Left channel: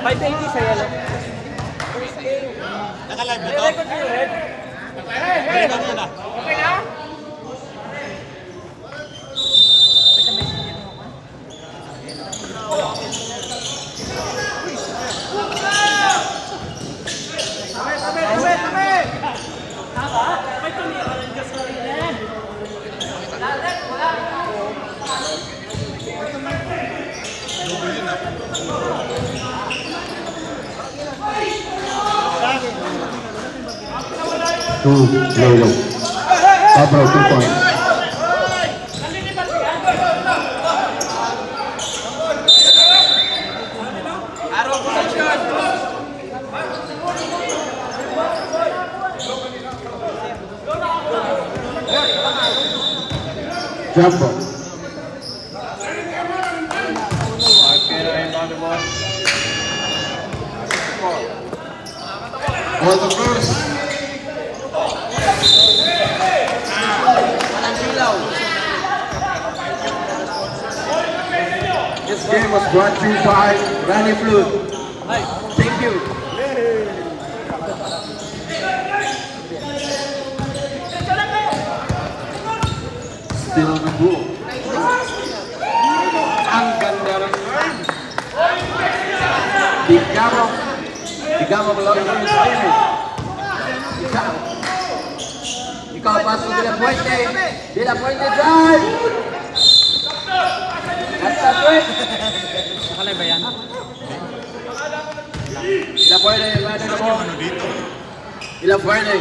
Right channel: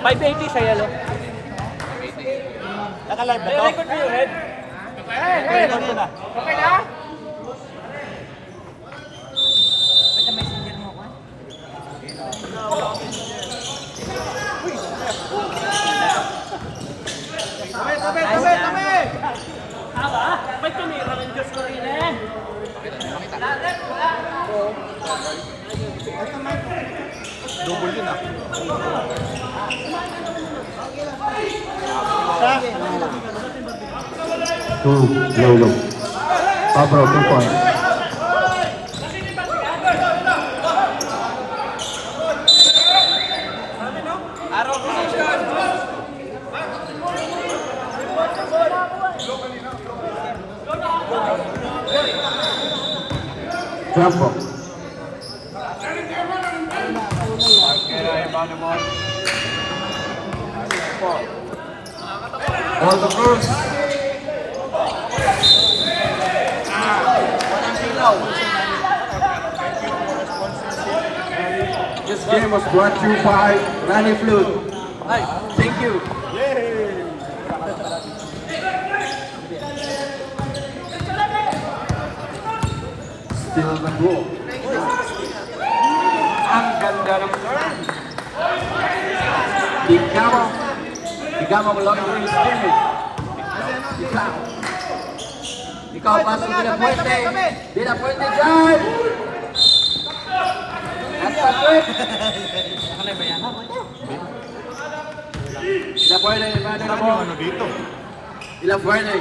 580 sa'yo lang. Naka-live na to? Record ko na. Okay na? May tumira rin Diyos ko rin eh. Wala. Double yun ah. Two, Lolo. Pablo, 2 points. Jumbo. On the first. This game was brought to you by Rani Flute. Thank you. Still on the ball. Ang ganda ng turn. Digamo mo lang yung spirit. Ikaw pasok De La Puente. De La Puente drive. Hasta it. De La Puente, mano na mo. Ano dito? De La Puente.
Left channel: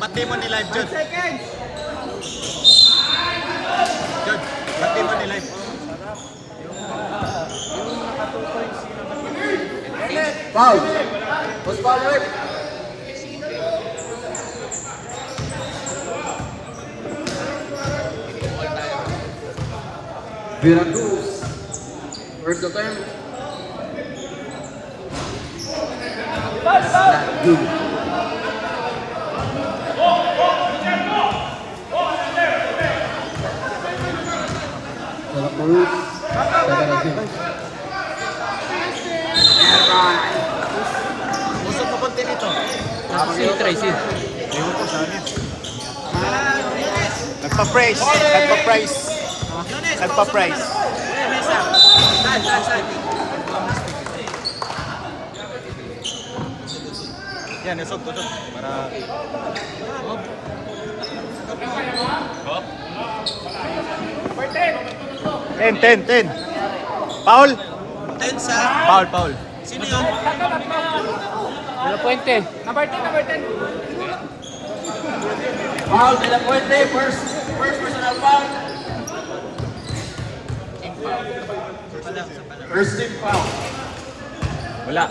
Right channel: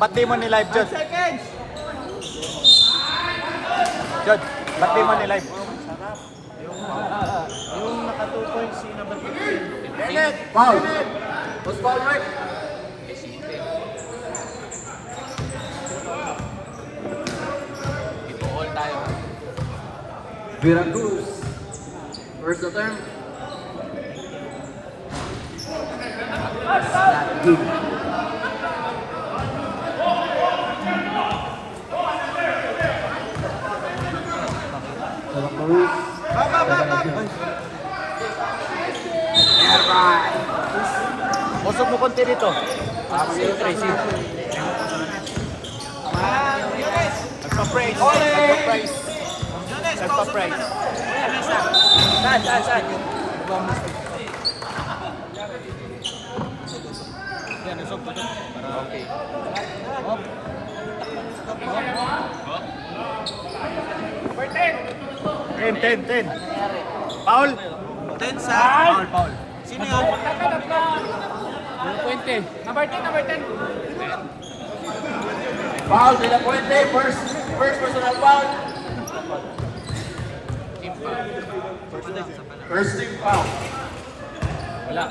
Pati mo ni live, Jod. Jod, pati mo ni live. Foul. Was foul right? Veracruz. Where's the term? Not good. Veracruz. Federación. Masok mo konti dito. Tracy. Nagpa-price. Nagpa-price. Yan, isog ko to. 10. Paul. 10 sa... Paul. Sino yun? De La Puente. Number 10. Foul De La Puente. First personal foul. First team foul. Wala.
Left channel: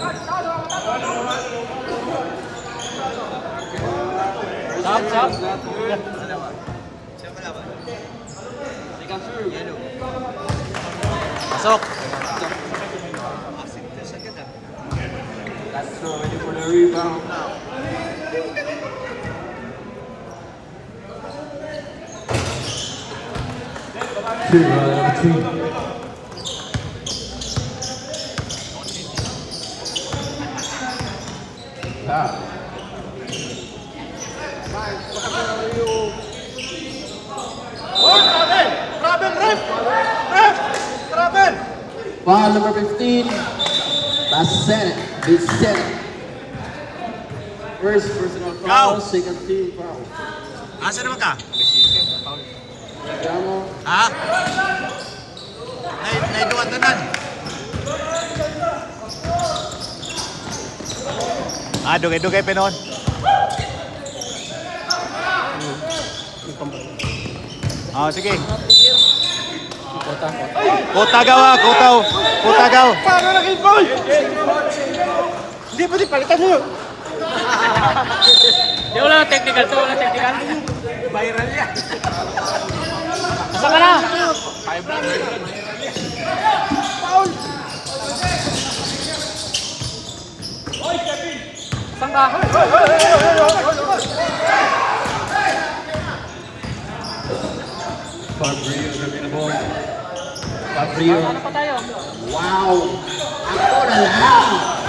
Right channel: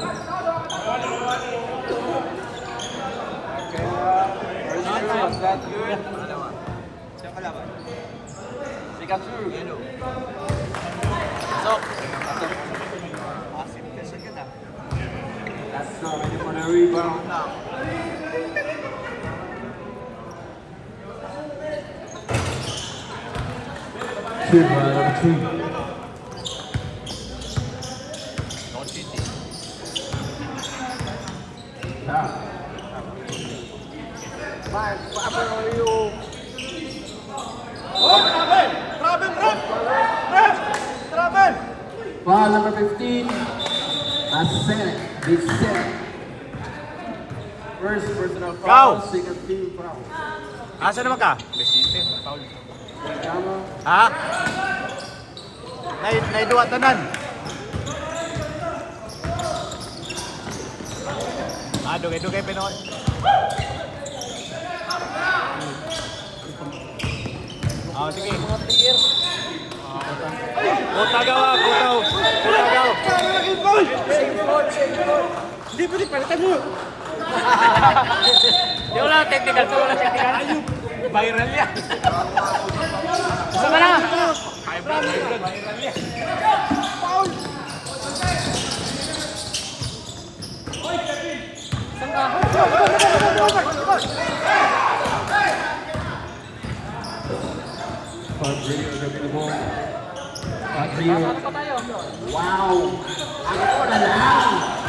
Stop. Masok. That's not ready for the rebound. Shoot, number 3. Foul number 15. That's set. It's set. First personal foul, second team foul. Asa naman ka? Digamo. Ha? Naiduwa tanan. Dugay-dugay pa noon. Sige. Kutagaw. Paano nag-involve? Hindi pa palitan mo. Di wala technical. Viral yan. Saan ka na? Saan ka? Fabrio is available. Fabrio. Wow! Ako na lang!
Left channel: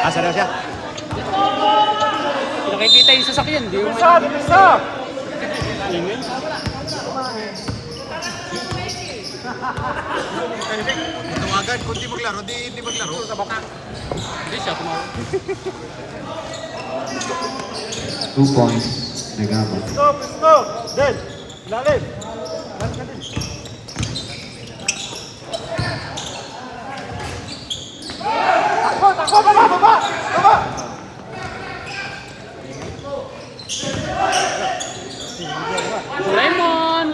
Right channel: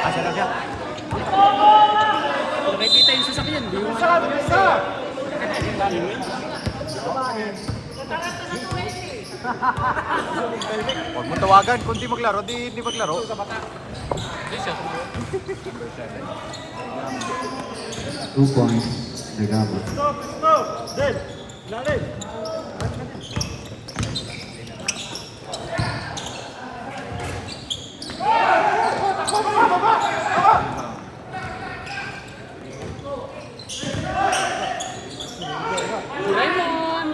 Asa na siya? Nakikita yung sasakyan, di mo. Huwag mo tawagan. Kung di maglaro, di maglaro. 2 points. Nagama. Lemon!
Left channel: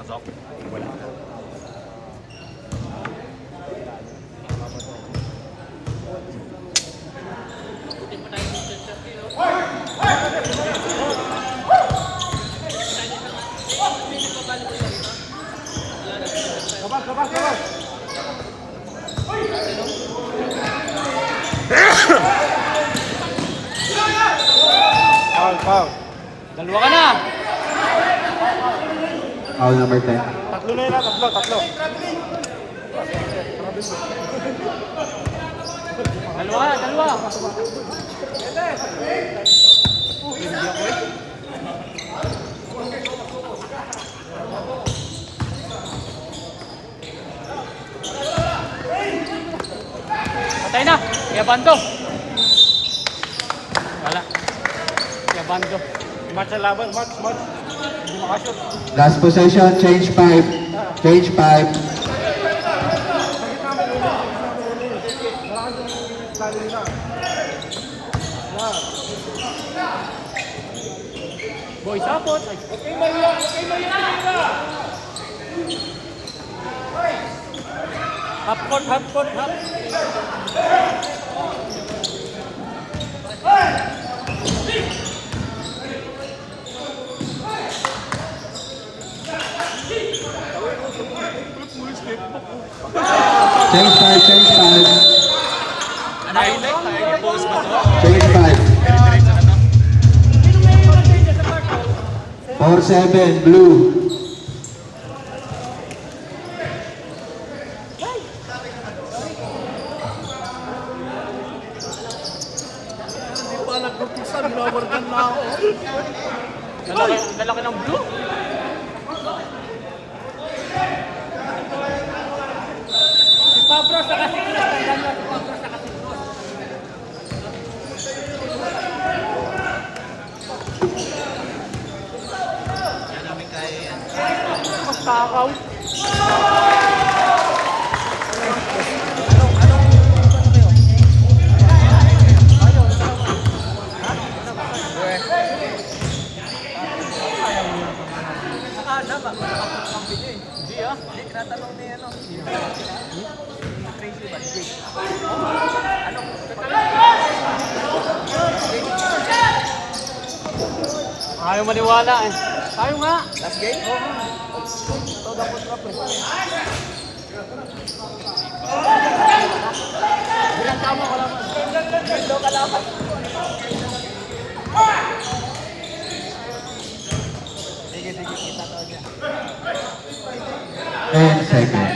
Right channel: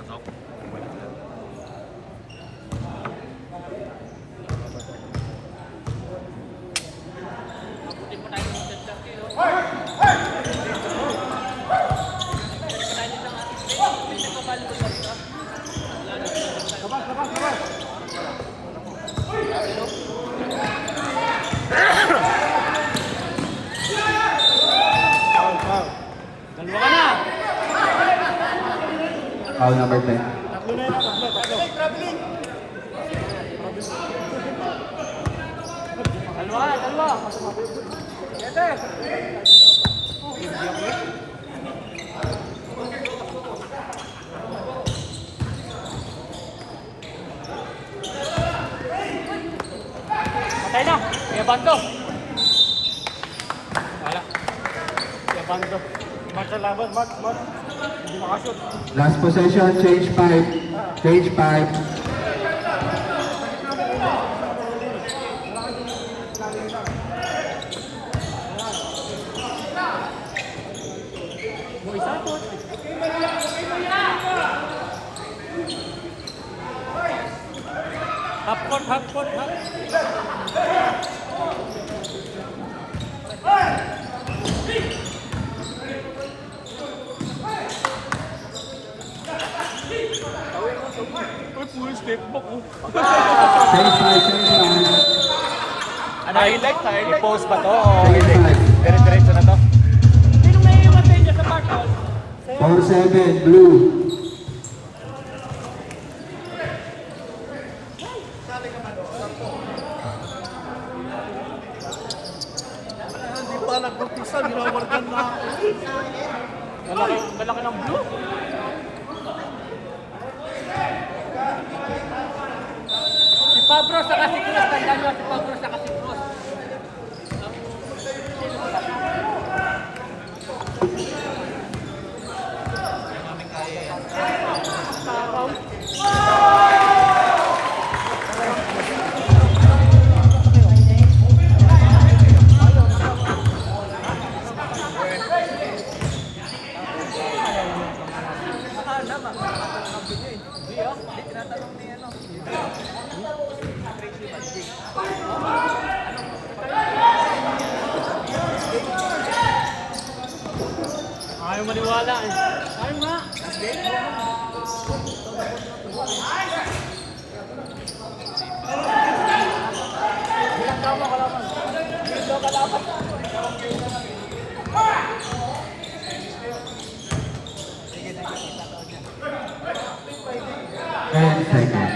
Pasok. Dalawa ka na! Foul number 10. Patay na! Kaya bando! Wala. Kaya bando. Match na laban, match. Last possession, change 5. Change 5. Boy, sapot! Half court, half court, half. Change 5, change 5. Ano? Post ba to? Change 5. Dire-diretso na to? 4-7, blue. Lalaki ng boot. Si Pabro sa Casikros, tandaan mo si Pabro sa Casikros. Yan namin kaya yan. Takaw. Ayaw maniwala eh. Tayo nga. Last game? And second.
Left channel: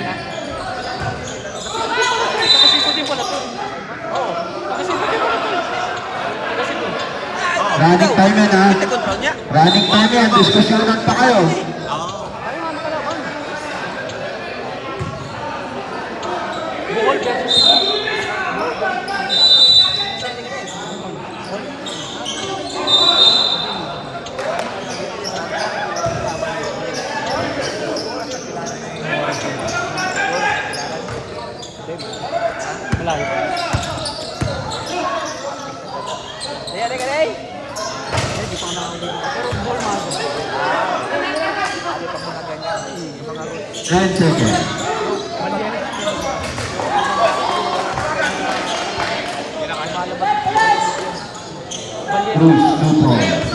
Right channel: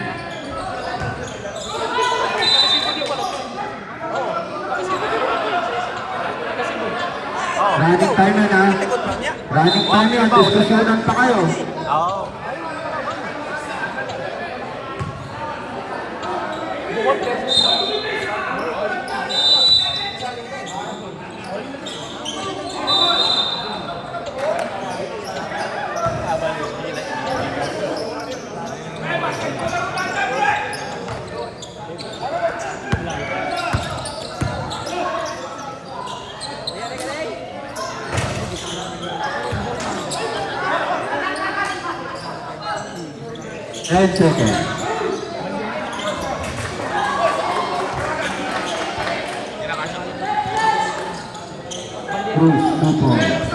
Running time yan ha. Running time yan. Diskusyonan pa kayo. Oo. 10 seconds. Bruce, 2 points.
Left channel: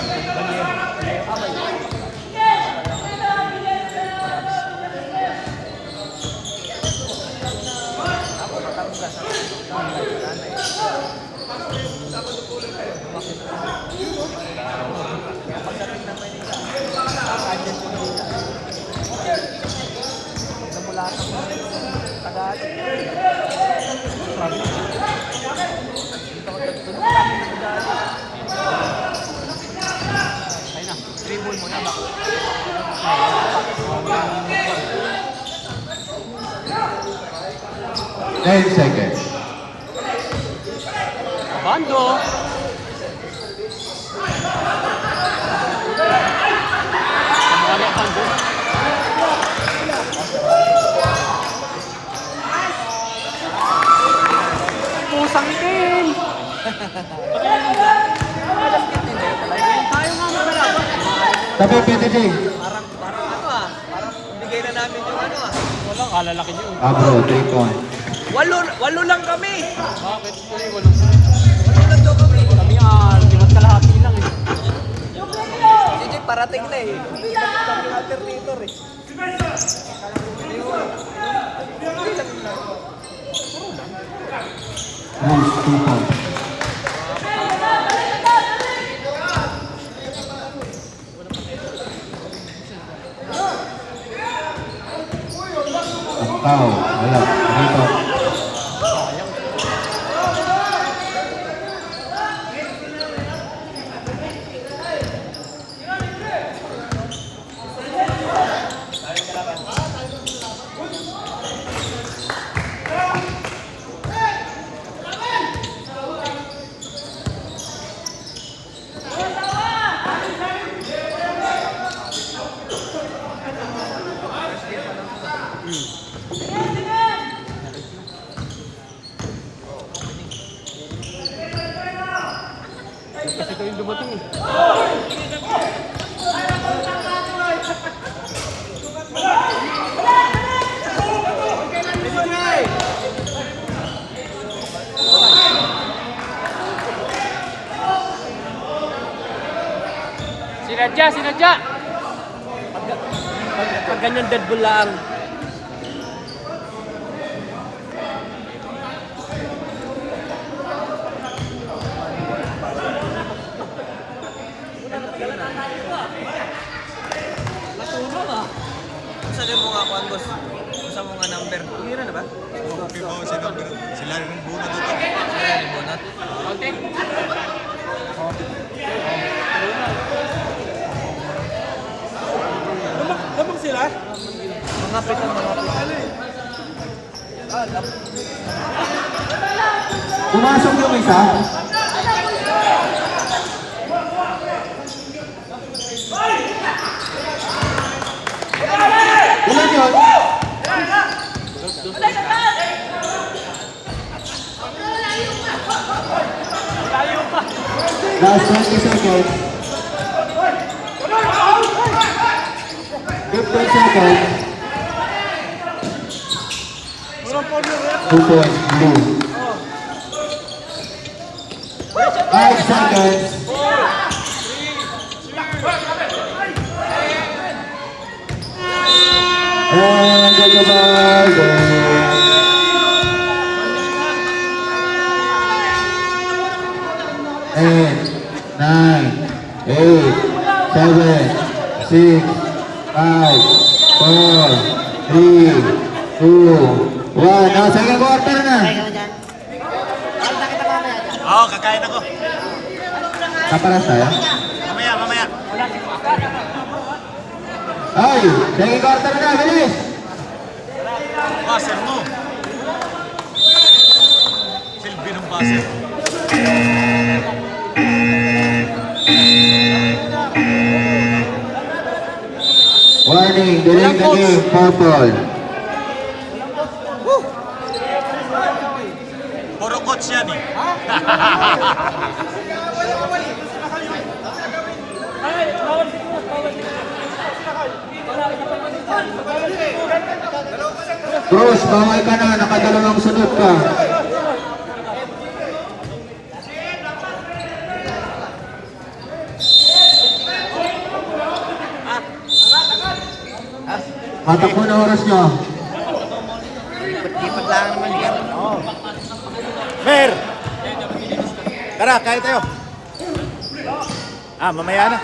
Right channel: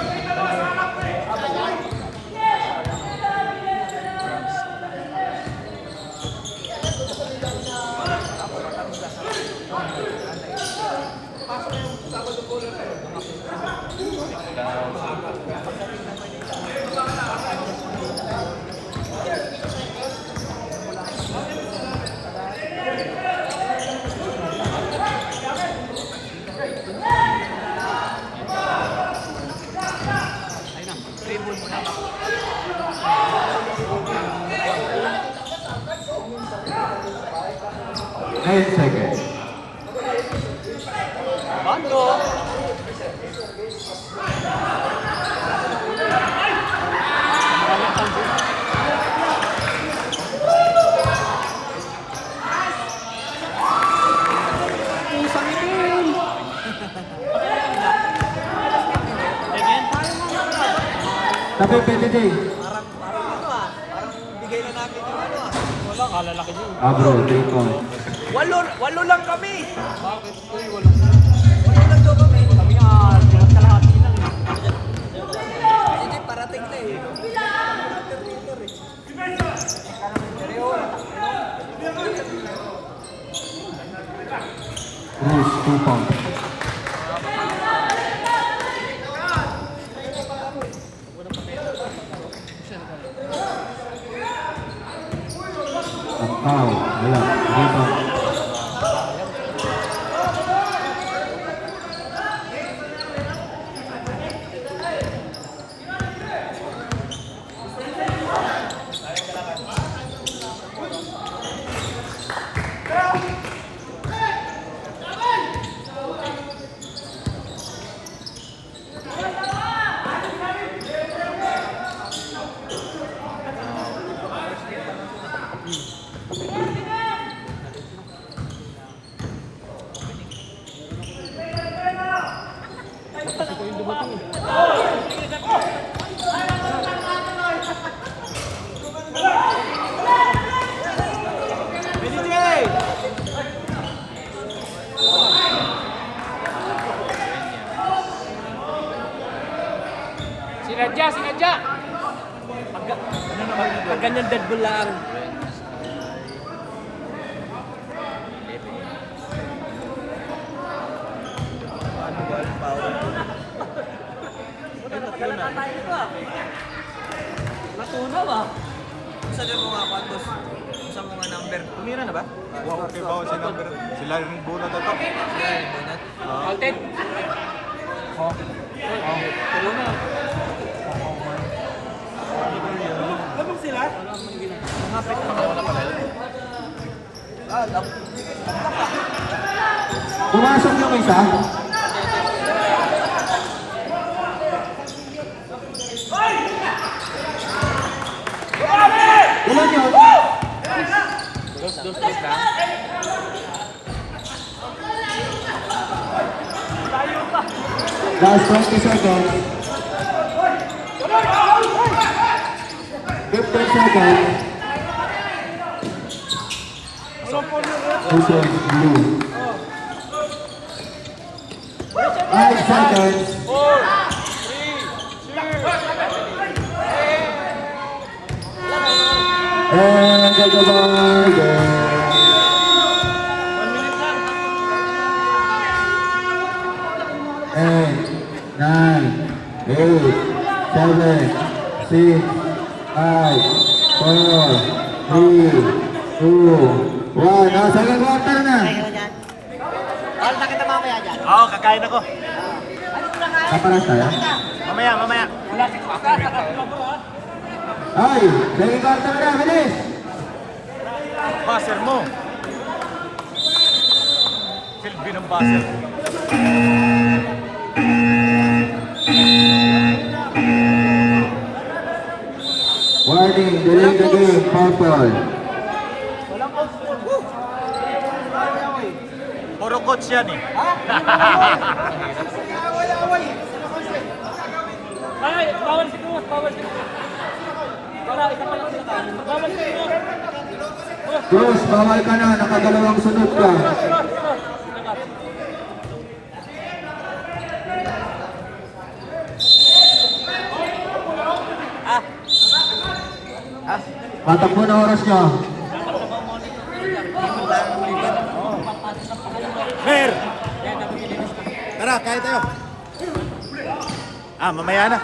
Ten seconds. Pusang din. Tabi, PTJ. Bro, 3 points. Walo lang kami. Sige, parating na eh. Bruce, 2 points. Pau, ayan, dito. Kasi ito yung dumating eh. Sinadya! Pag ganyan dead ball lang. Natunaw ah. Umira na ba? Okay ba si number? Sila rin buno na to. Alten. Lapit sila? Lapit ang mga Pumasok yung isa. Ilan yun? Last 20 seconds. 15 seconds. 2 points, blue. 5 seconds. And goodbye, goal. 9, 8, 7, 6, 5, 4, 3, 2, 1. Now, second quarter na. Oo, kakain ako. Kaparas tayo? Mamaya. Ay, second quarter na. Bilis. Buzzer mo. Silbi ng buzzer. Warning, delaying the game. Purple. Puro coach yan eh. Ay, bawal. Cruz, bawal ka na. Nakadalawang sunod ka. Matakbo na oras nyo. Mer! Tara, kaya tayo. Mamaya na.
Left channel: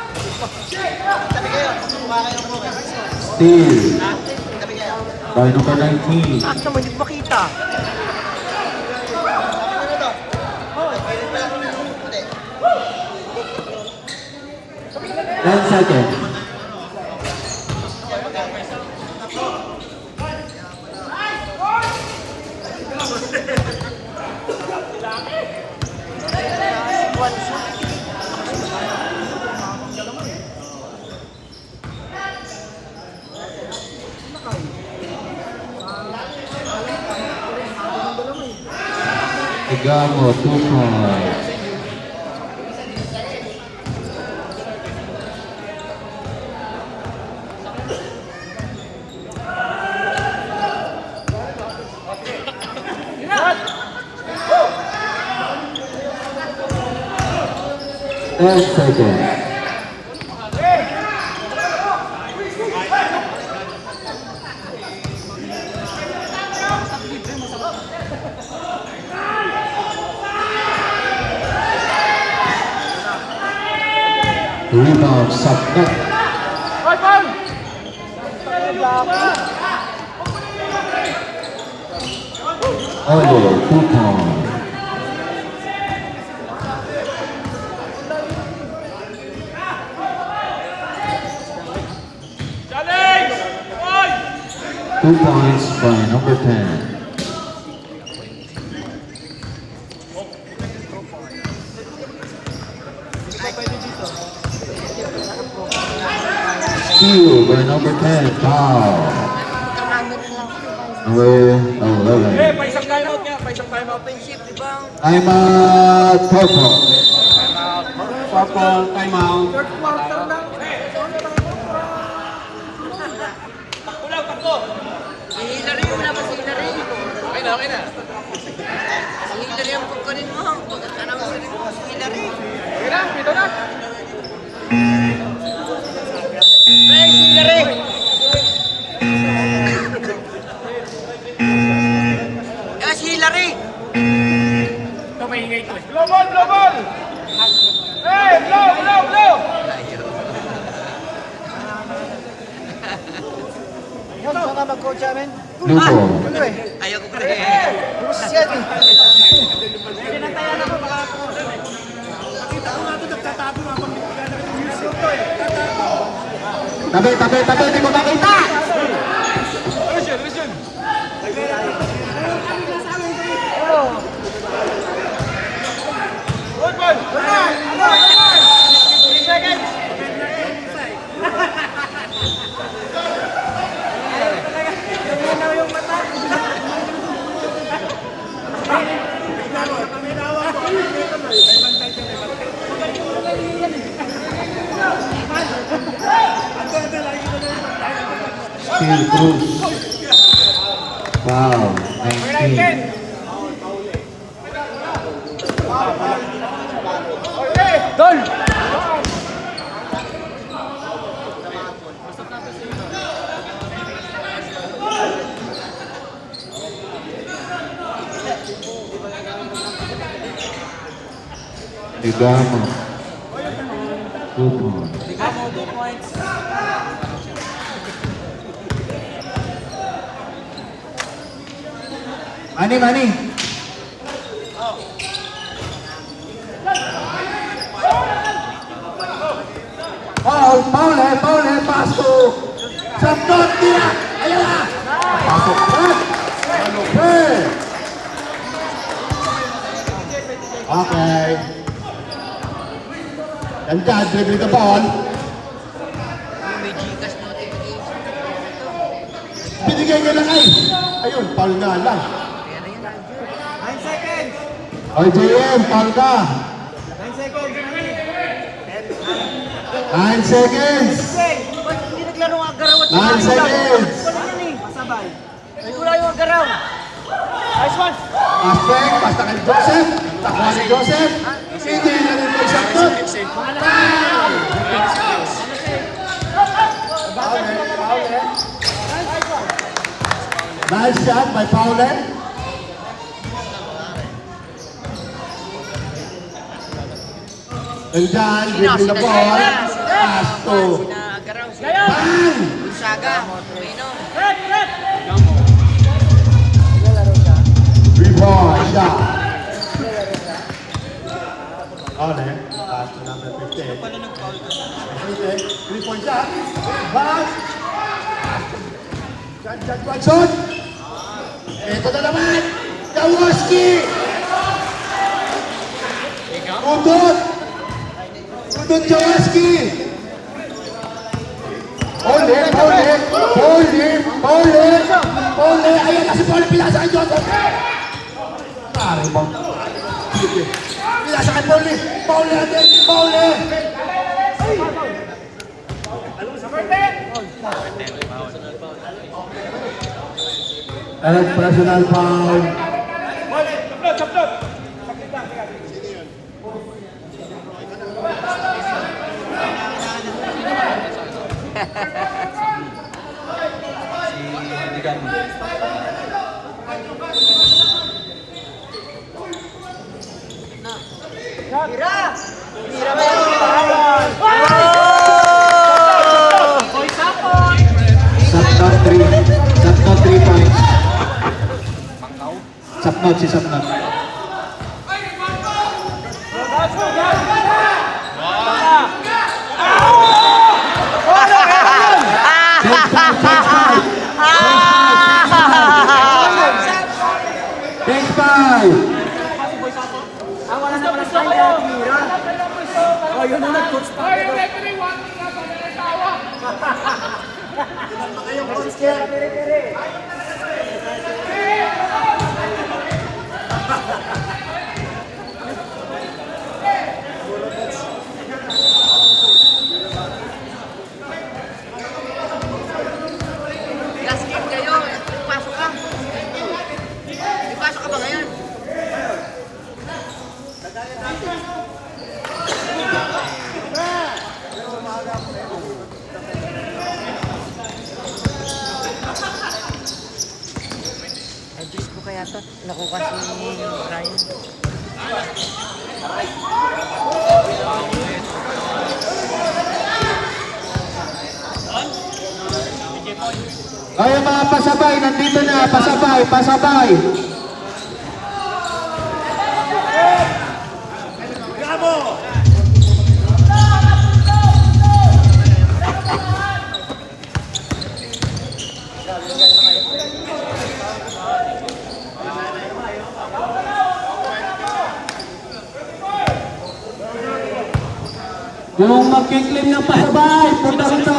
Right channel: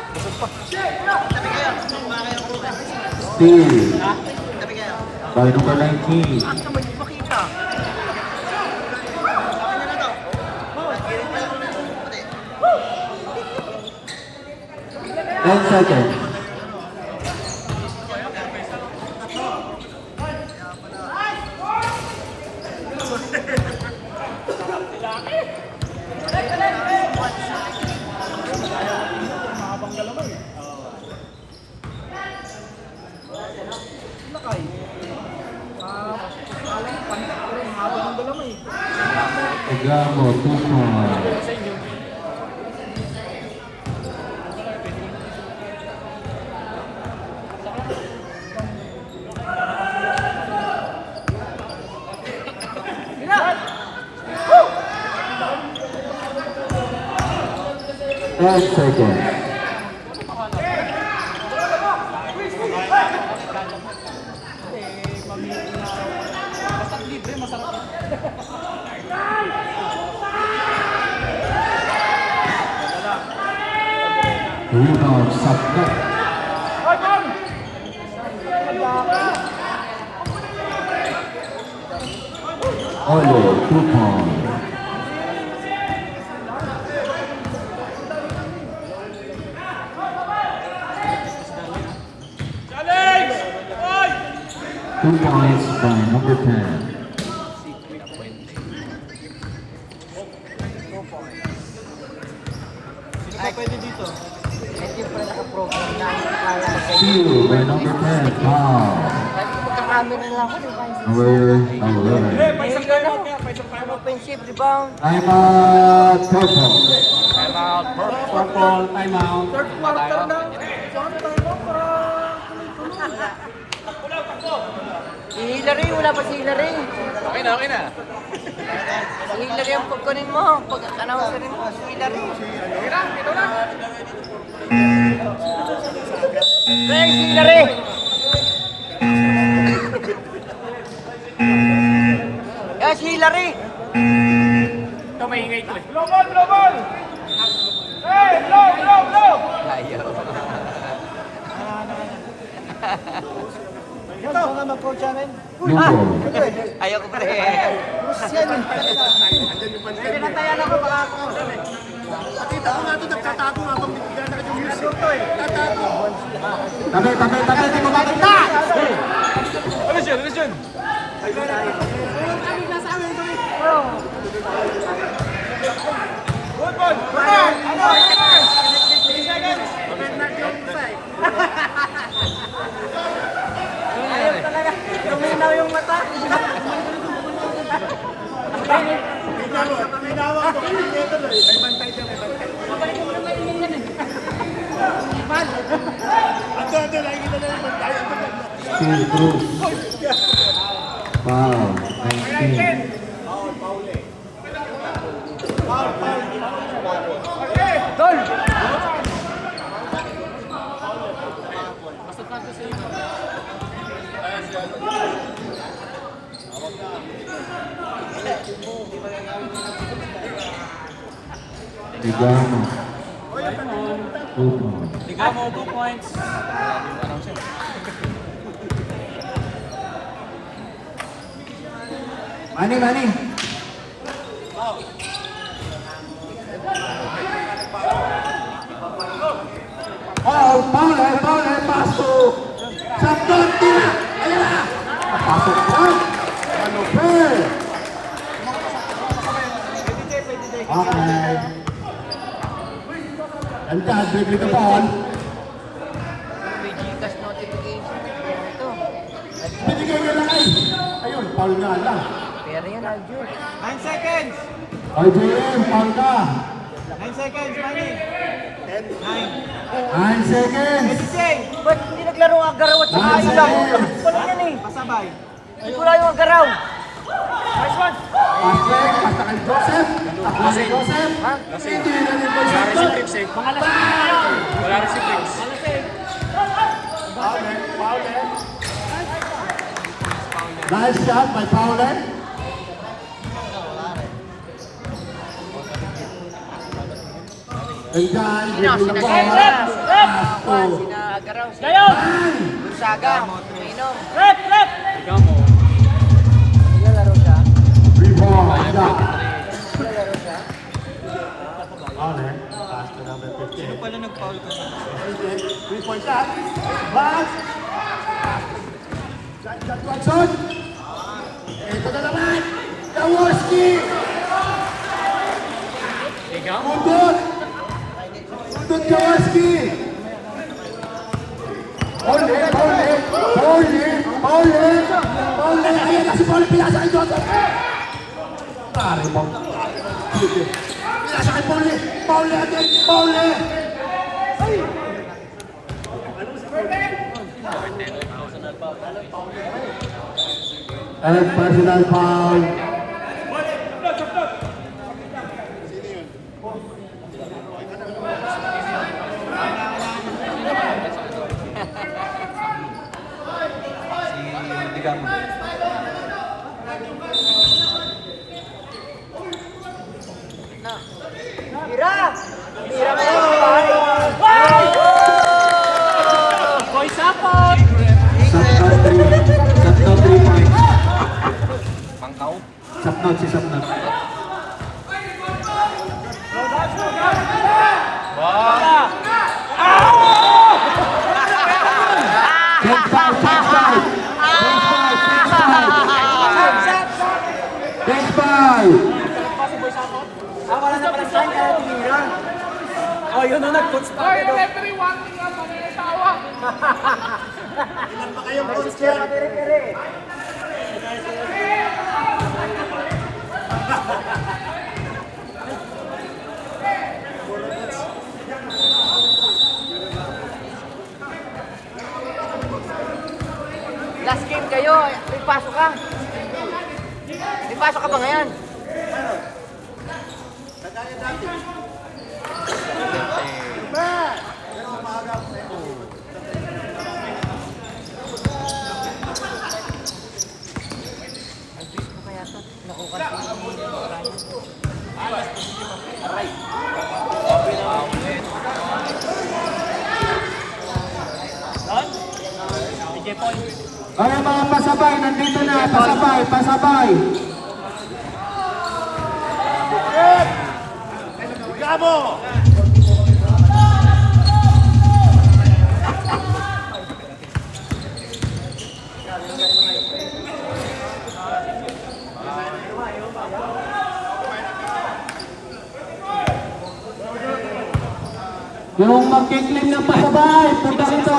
Steal. By number 19. 10 seconds. Igamo, 2 points. Ten seconds. Rebound, subnet. Ole, 2 points. Two points by number 10. Steal by number 10, foul. Number 11. Time out, purple. Purple, time out. Hillary, wala ka si Hillary. Okay na, okay na. Si Hillary ang pagkunin mo. Pag-announce rin mo si Hillary. Okay na, ito na. Hey, si Hillary! Si Hillary! Ito, maingay ito eh. Global, global! Hey, go! No ball. Ayaw ko pa rin. Pinantayan ako, baka ako. Kita ko nga ito, nagtatago nga kung bigyan ng music to eh. Tabi, hindi mo makita! Luminaw yung mata. Steal, Cruz. Foul, 19. Igamo. 2 points. Mani. Paul, pasok. Saktot dia. Ayan na. Pasok pa. Okay. Ganda, dribble the ball. May Gcash notification. Binigay niya na ay. Ayun, foul nga lang. 9 seconds. RJM, foul ka. 9 seconds, Manny. 9 seconds. Ba't hindi garo agaraw at 9 seconds. Sabay. Wala yung agaraw. Nice one. Aspect, basta kay Joseph. Takbo si Joseph. Ito yung nanin ko sa to. Nice shot by Fowler. And then, giving the ball. Pass to Agaraw. Bang! Saga. Minom. Rebound shot. On eh. Pass to number 15. 3-point shot. Bang! Watson! Ito na naman! Jaworski! Udot! Udot Jaworski! Ole! Ayan na si Paul! Pinasa kay Joseph! Pare mo! Pinasa kay Paul! Paul natin! Paul! And personal foul. Sapnot 3 points. Sapnot si Sapnot. Change five. Oh, yun na nag-coach pa. Ay, yung referee, one nga pa na tawa. Last game kayo. Ipasok ka. Ipasok ka ba ngayon? Ay, mga pasabay, nandito na, pasabay. Bravo! Yung magkiklaim ng pasabay, punta rito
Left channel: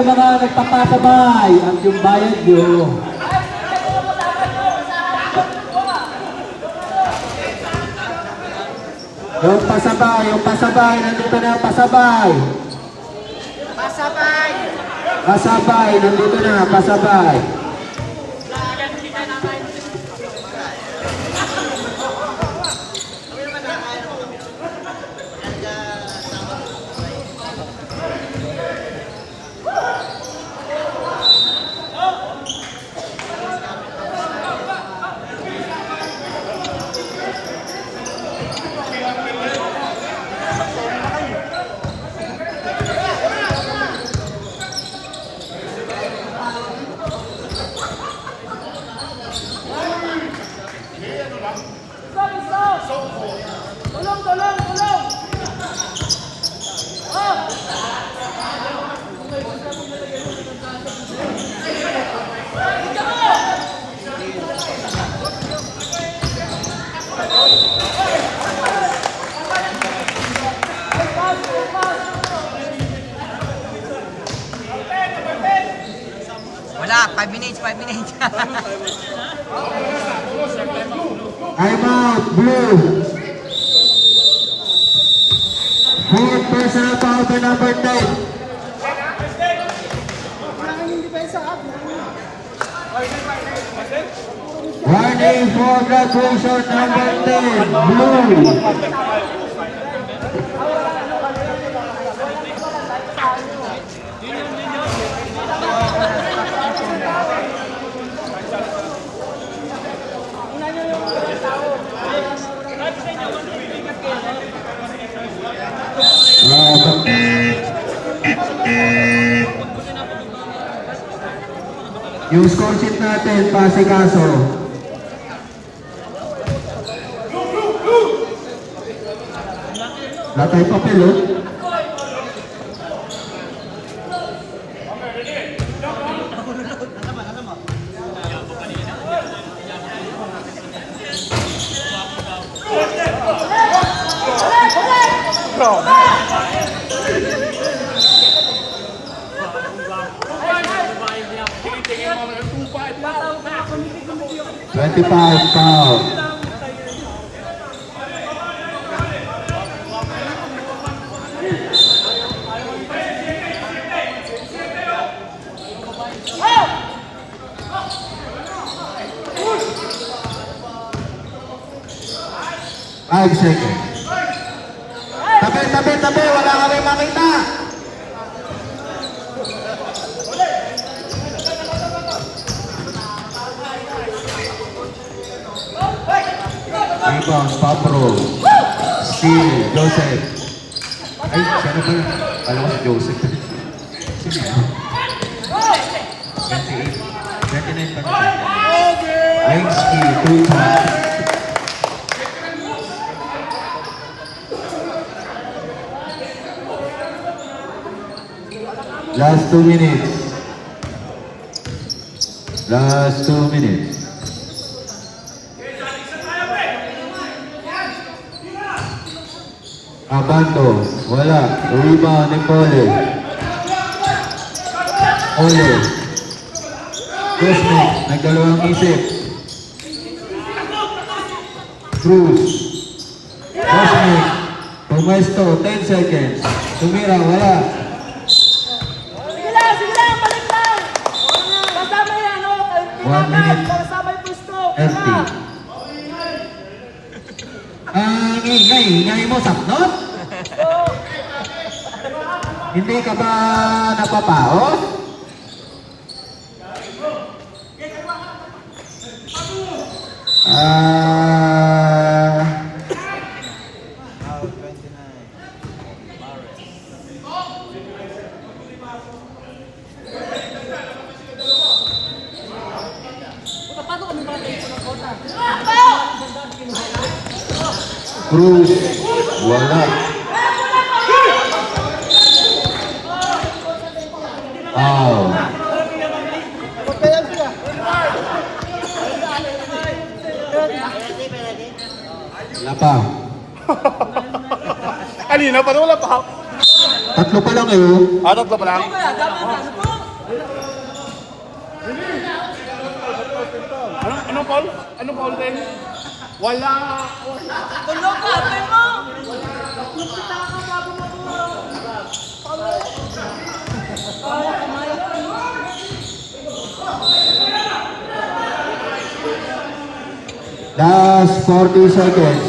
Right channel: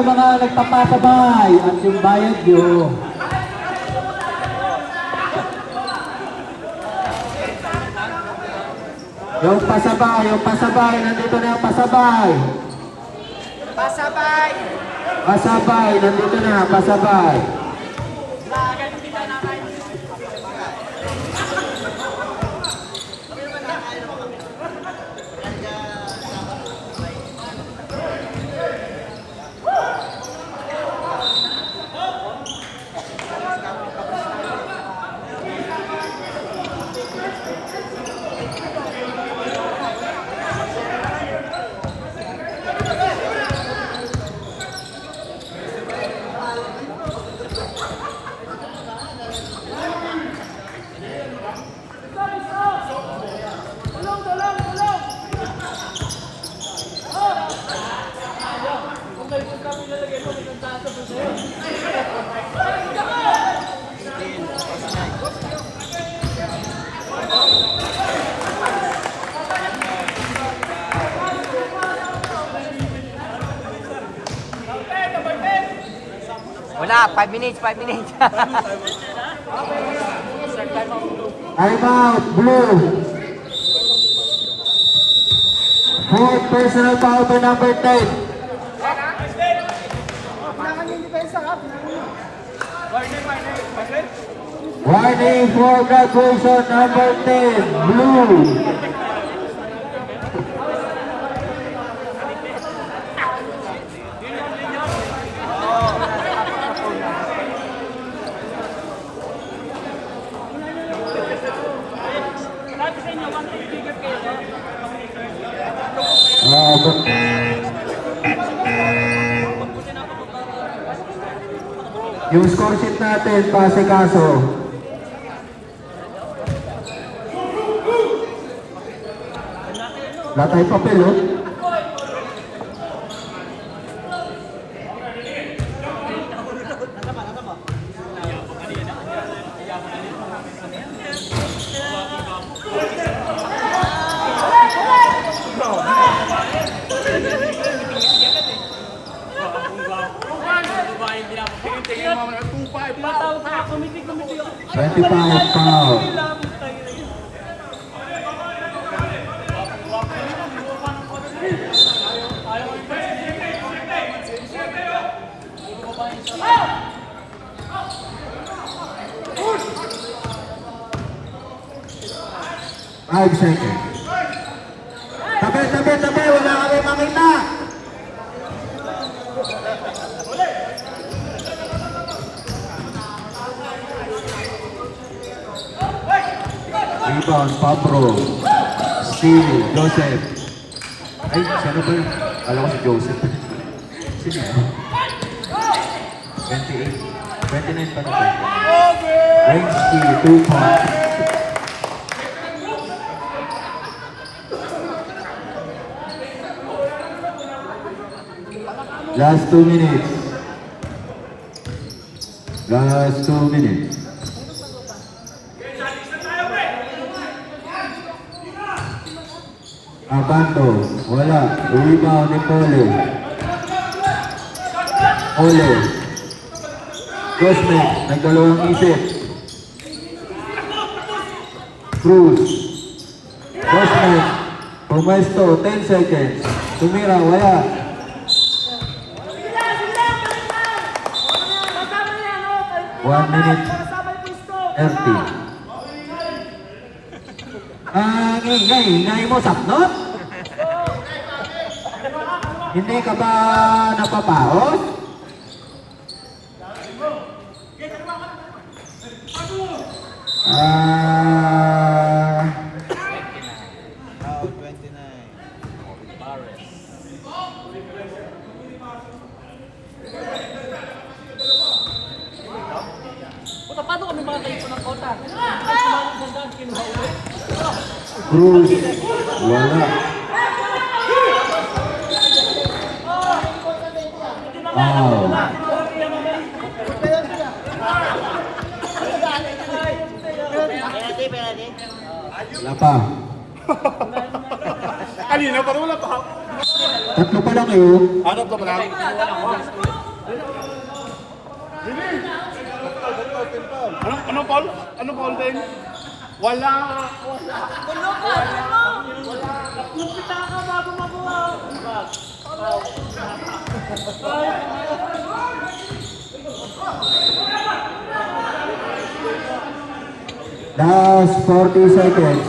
yung mga nagpapasabay at yung bayad nyo. Yung pasabay, nandito na yung pasabay. Pasabay, nandito na, pasabay. Wala, 5 minutes. I'm out, blue. Fourth personal foul by number 10. depensa ha. Warning for graduation number 10, blue. Yung score sheet natin, pasikaso. Wala tayong papel, oh. Tingin mo mga 2-5 pa. 25 foul. Five seconds. Tabi, wala kami makita. Rebound, Pablo. Steal, Joseph. Ay, sino ba yun? Alam ko si Joseph. Sino yan? 28. 29 pa na. Wayneski, 2 points. Last 2 minutes. Last 2 minutes. Abanto, wala. Rebound ni Pole. Ole. Cosmic, nagdalawang isip. Cruz. Cosmic. Pumesto, 10 seconds. Tumira, wala. Sige lang, balik lang. Kasama yan, oh. 1 minute. Kasama yung gusto. 30. Ingay mo, sapnot? Hindi ka ba napapaos? Cruz, wala. Wow. Wala pa. Kanina pa rin wala pa. Tatlo pa lang eh. Ano ba pala? Anong Paul? Anong Paul din? Wala. Last 40 seconds.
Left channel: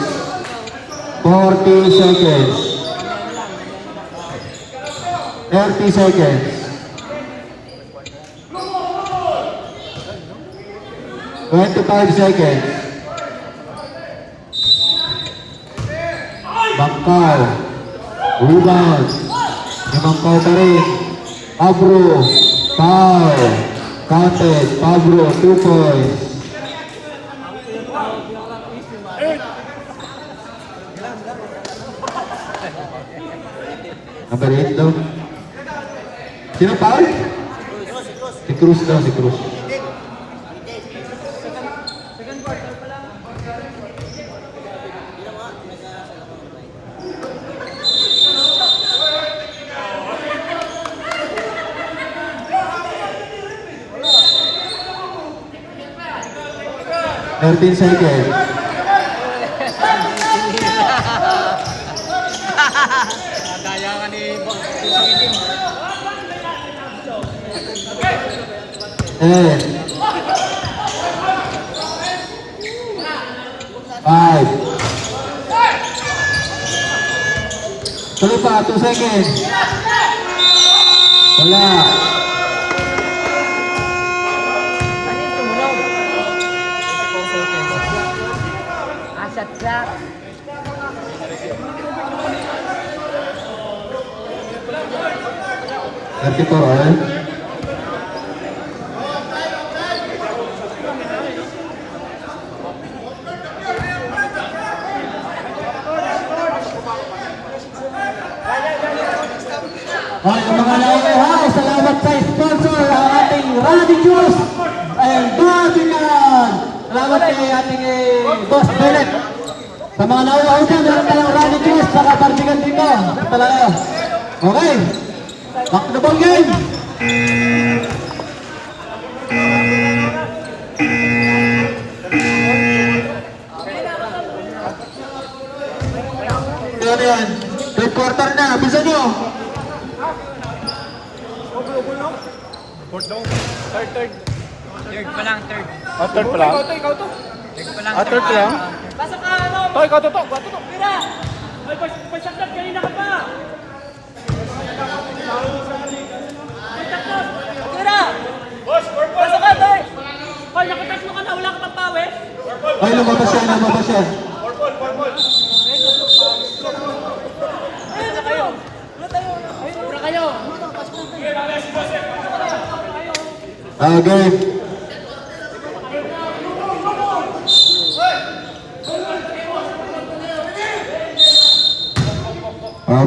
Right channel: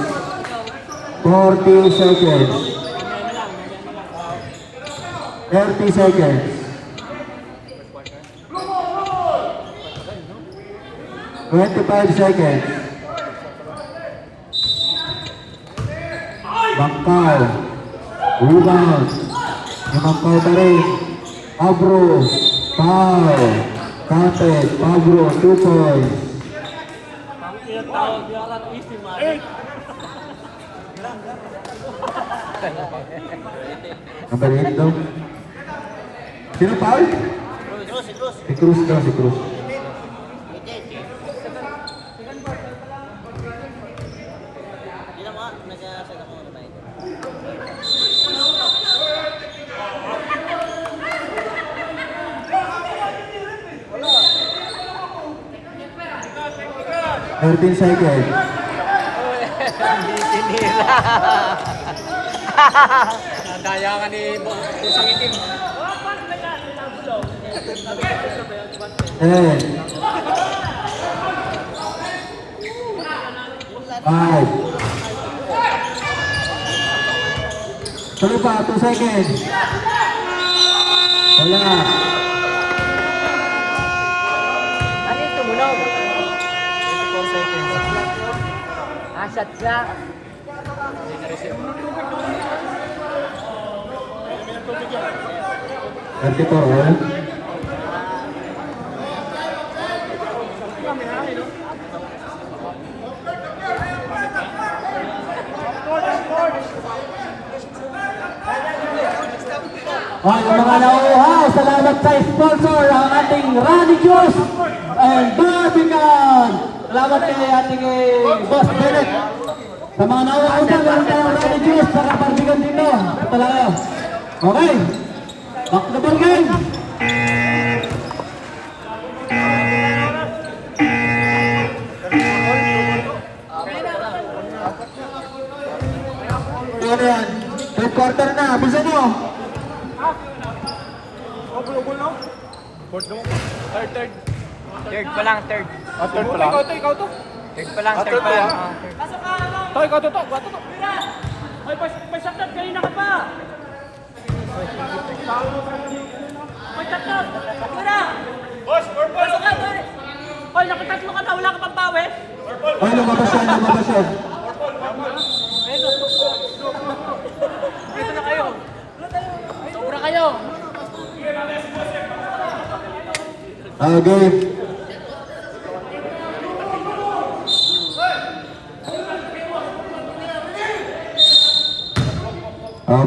40 seconds. 30 seconds. 25 seconds. Bangkaw. Rebound. Bangkaw pa rin. Pablo. Foul. Counted. Pablo. 2 points. Number 8 daw. Sino foul? Si Cruz daw, si Cruz. Thirteen seconds. Gaya ka ni Pusang Itim. 10. 5. Tuloy pa, 2 seconds. Wala. Shot clock. 34. Okay, mga nauuhaw, salamat sa sponsor ang ating Rani Juice and Barbican. Salamat kay ating Boss Bennett. Sa mga nauuhaw dyan, meron tayong Rani Juice saka Barbican dito. Talaga. Okay, back to the ball game. Ano yan? Third quarter na, bisa nyo. Third. Third pa lang, third. Ikaw to. Third pa lang, third pa lang. Ikaw to. Bato to. May saklat kanina ka pa! May saklat! Tira! Boss, purple. Pasok ka, Toy! Hoy, nakatatlo ka na, wala ka pang pawis? Ay, lumabas yan, lumabas yan. Dito na kayo! Sobra kayo! Game.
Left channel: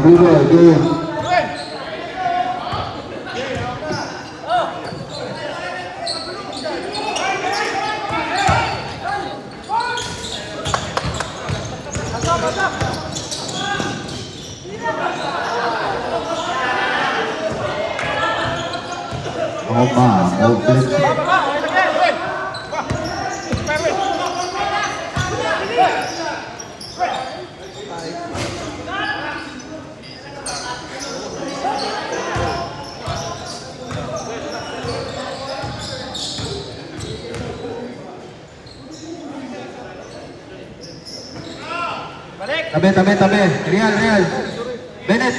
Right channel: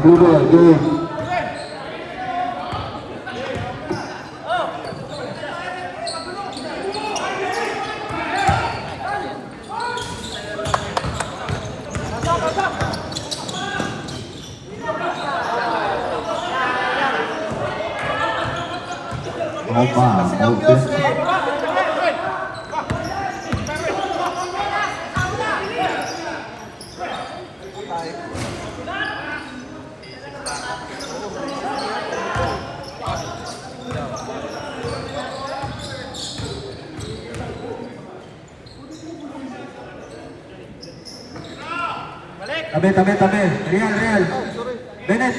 Blue ball, game. Open. Tabi. Real. Bennett.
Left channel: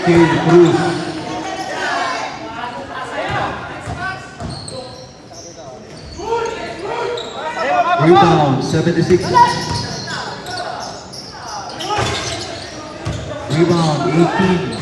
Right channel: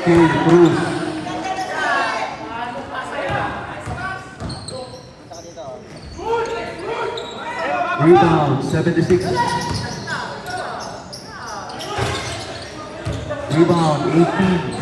Steve Cruz. Rebound, 76. Rebound, 18.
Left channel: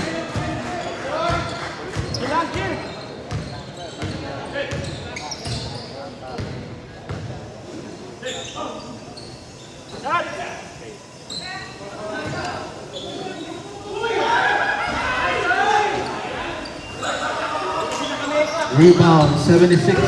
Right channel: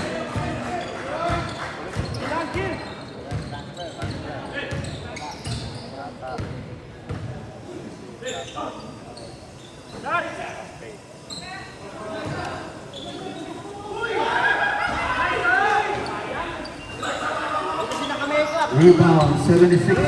Rebound, 76.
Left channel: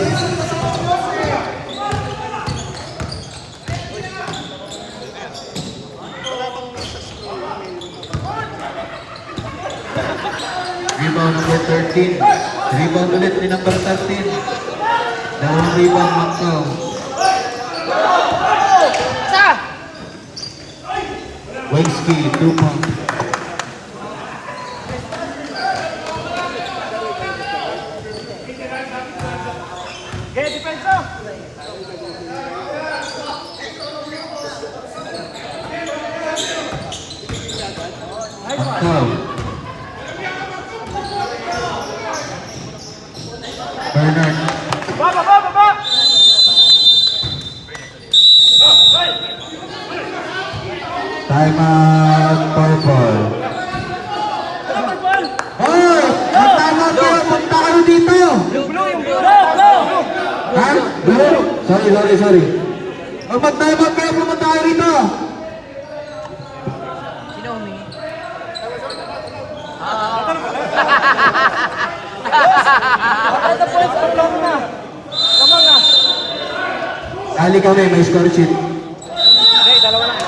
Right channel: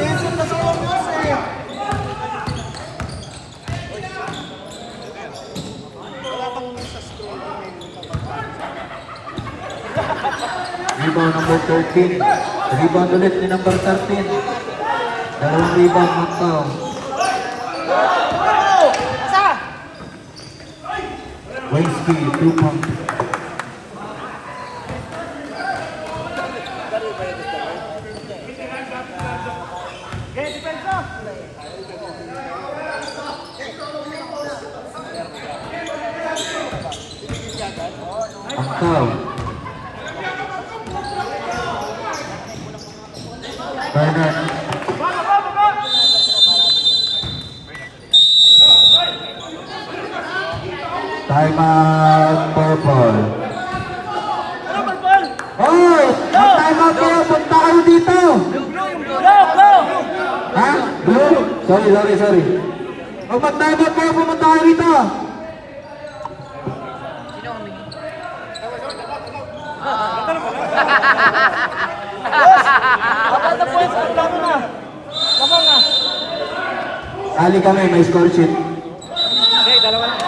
Rebound number 13. Rebound ulit ni number 13. Dalawang rebound, Macau. Wensky, 2 points. Macau. Bernard. Time out, purple. Ano, purple? Oh! Time out kayo! Punta kayo dito! Go! Ha? Blue? Sorry. Huwag mag-time out kayo! Pumunta kayo dito! Sino humingi? Kali kami, may score sheet. Hindi, dalawa lang.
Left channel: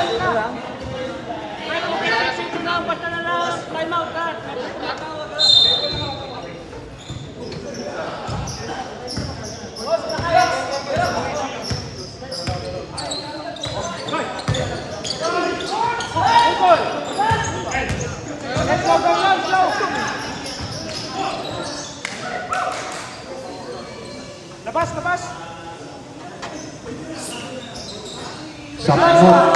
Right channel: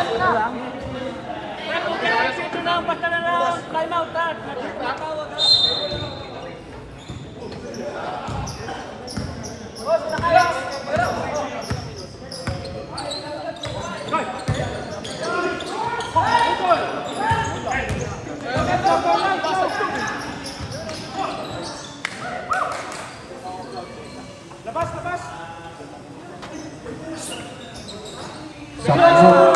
Sapnot.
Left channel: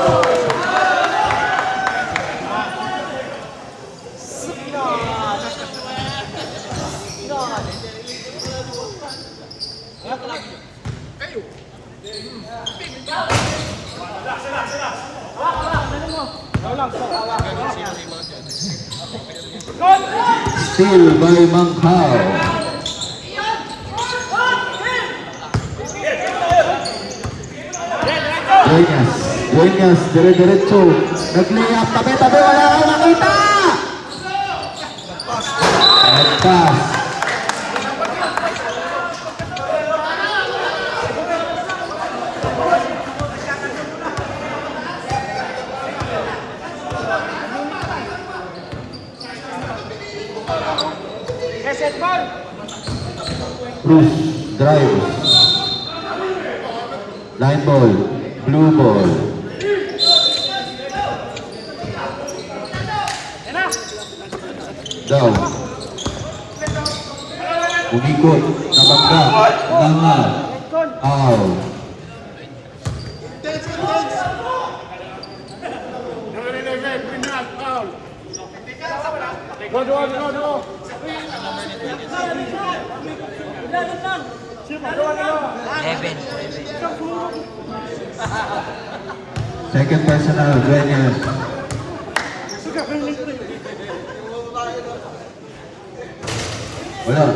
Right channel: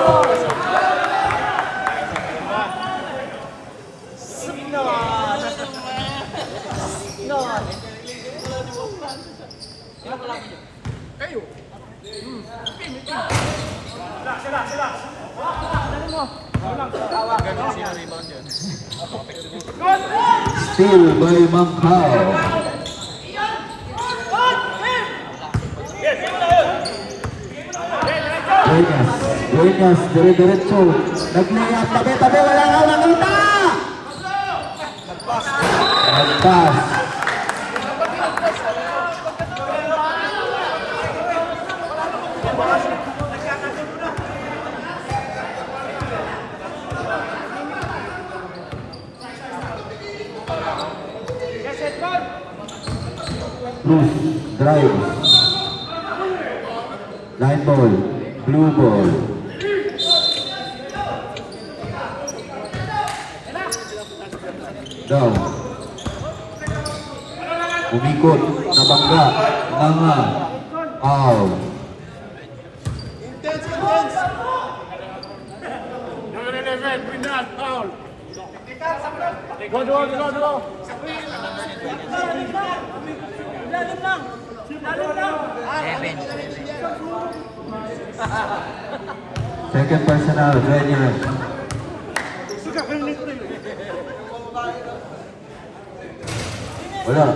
Steal by Mangkao. Dueñas, dire-diretso. Nag-layup, tabi-tabi, wala kang nakita! Nag-pass. Cruz, drive. Line ball, blue ball. Down. Umikot, nabangga, nanga, out. Second personal, Dueñas. Wala.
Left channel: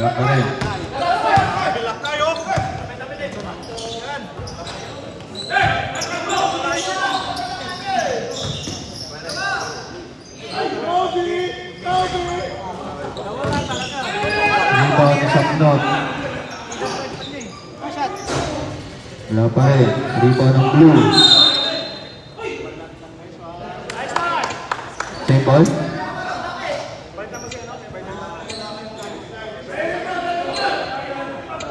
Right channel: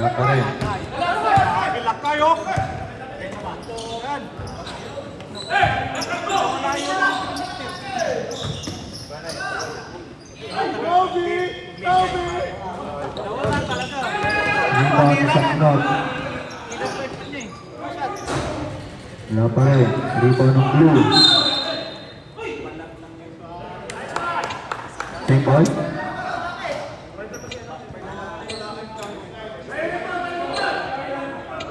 Wala pa rin. Rebound ni Sapnot. Wala pa rin. Rebound ng blue. Same ball.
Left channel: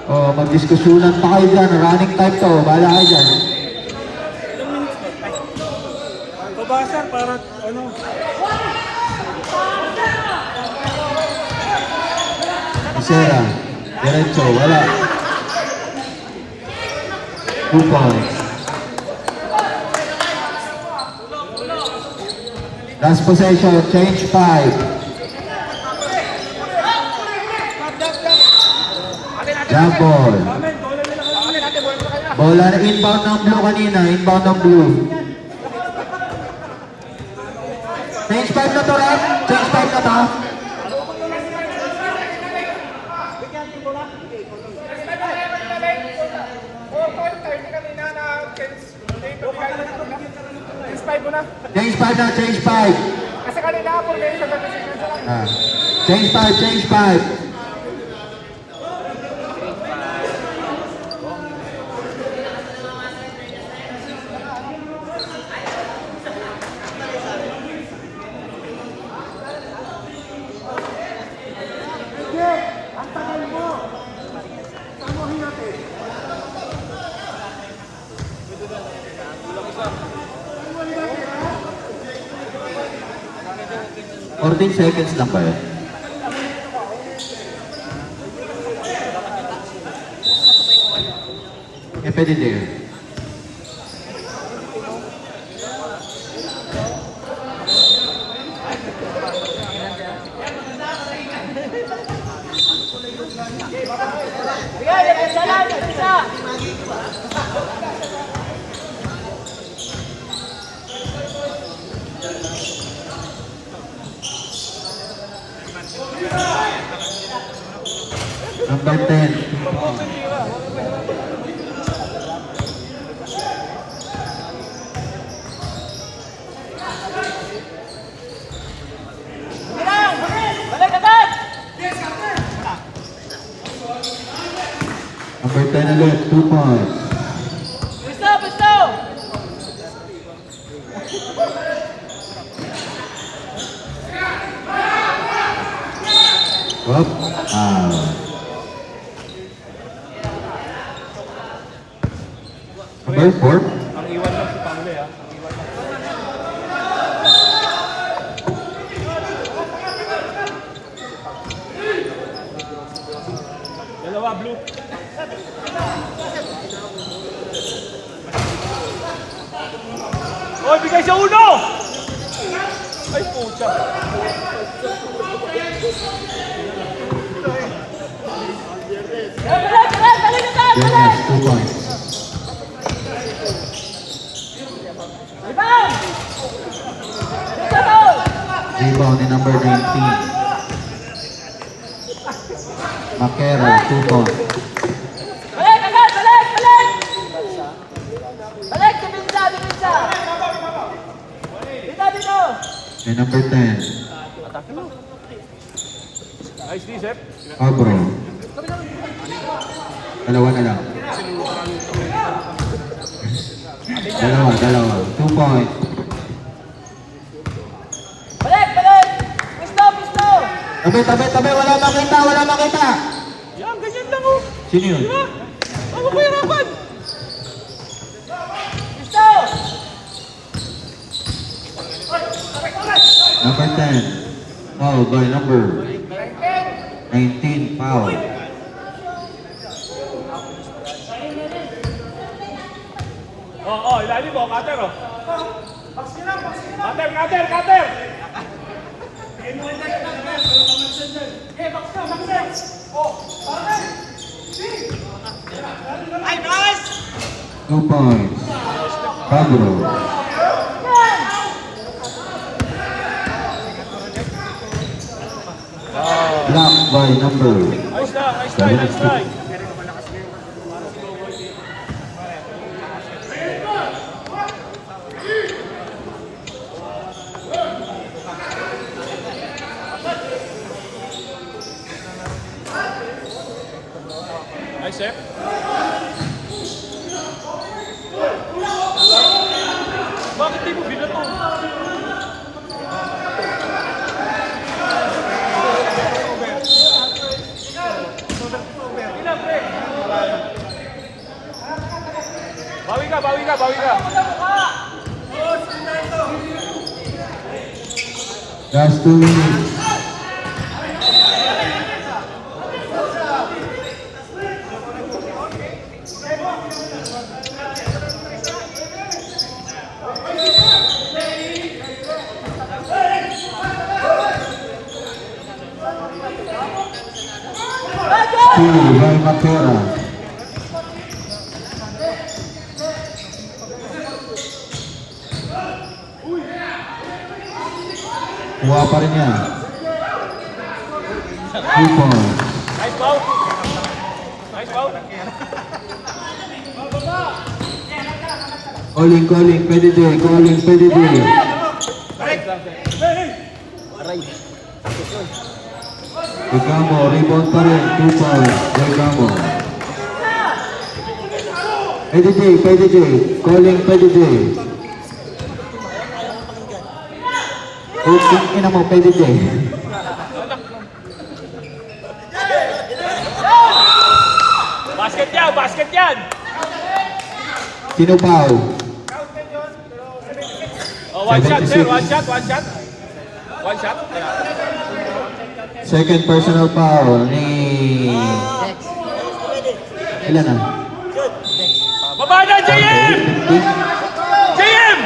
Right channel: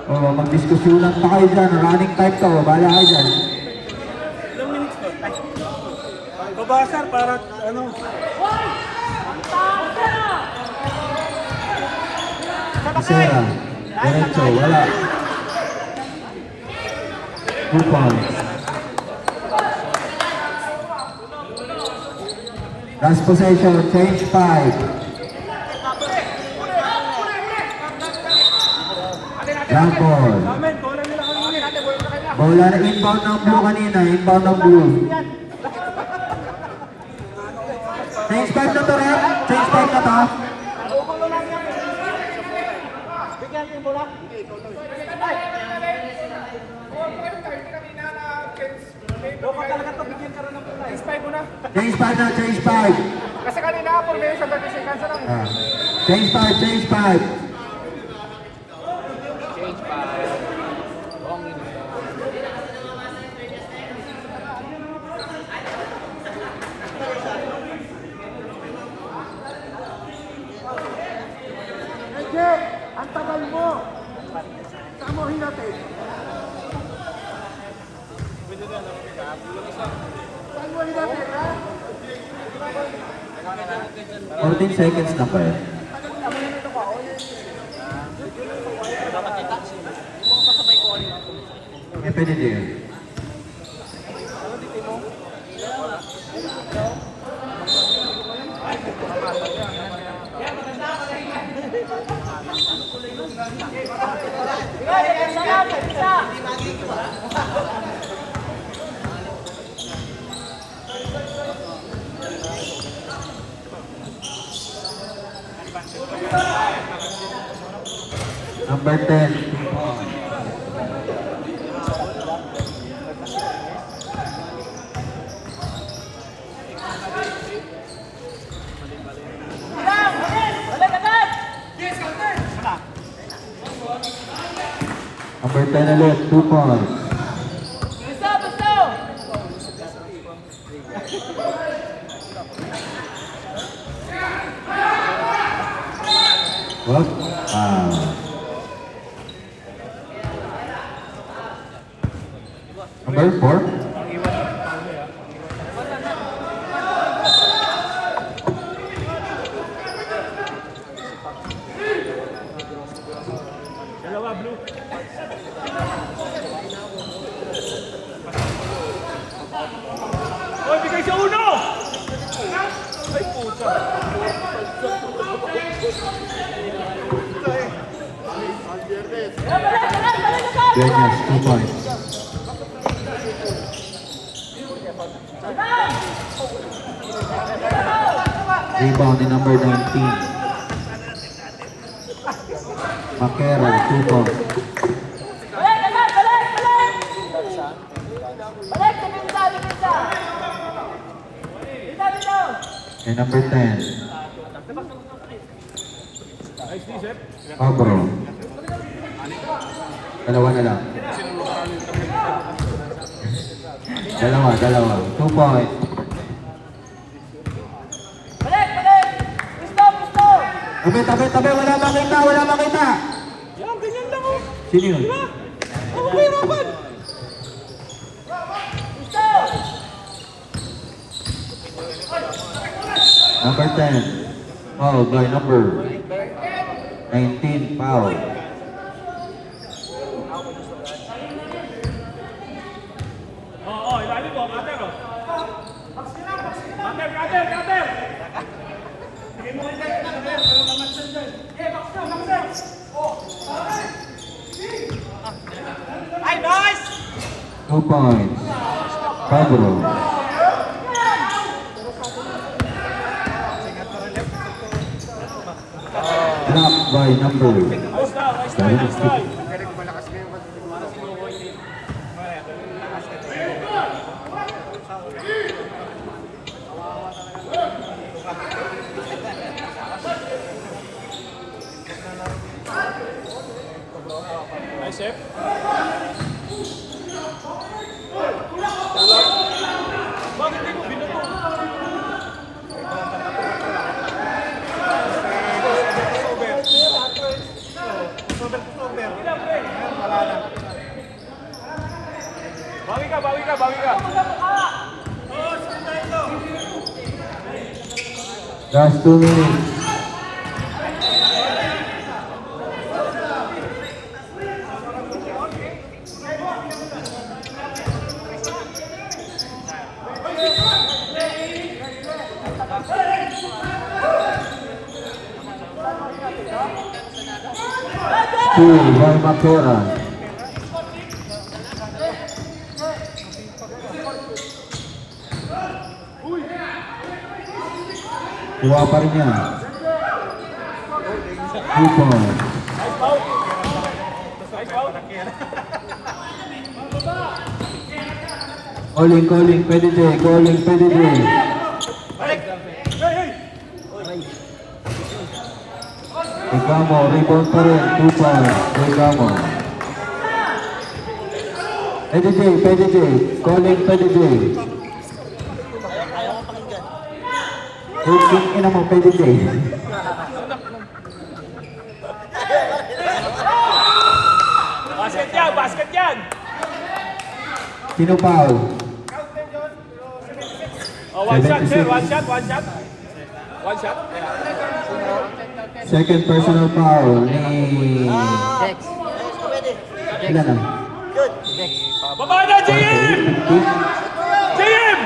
Oh, magdiskusyunan pa kayo dyan. Running time to. Bahala kayo dyan. Ilang minutes ba? Pabasar para ano? Isera. Diretso. Wala. 2 points. Last possession. Change 5. Jump ball. Bola na inbound ng blue kanina. Inbound ng blue. Change 5 na to, Red. Change 5 na to. Change 5 na, change 5. Kasi kanina, formation 30 seconds lang. Ah. Change 5, change 5. Ang tagal mo! Samuhin natin! 14 seconds lang kayo. Eh, pwede din yun. Number 10. Number 10 ulit, 2 points. Whoop. Number 4. Oy, bigay sa uno! Goodness, 2 points. Rebound ni number 19. Makera, 2 points. Ni number 10. Nice, Lizet. Pabro. Dalawa na lang. Dalawa. 2 points. Tabi. Wala makita. Yan, ganyan lang oh. Sino yun? Ako ko hirapan. Number 10. Foul by number 19. Foul. Ilalim mo, cutter oh. Cutter! Two points. Pablo. Blocked by number 72. Nice, sir. Bawi ka. Just 2 minutes. Two by Makera. Kuha pa rin yan. 2 points. Calling, pwede din. Regamo, rebound pa rin, 2 points. Regamo. Pwede din. Calling, pwede din. Ina mo, pwede din. Basket yan! Sino foul? One shot, sir. 76. One shot. Second personal foul ni... Ilan na? Baba na, JM! 50? JM!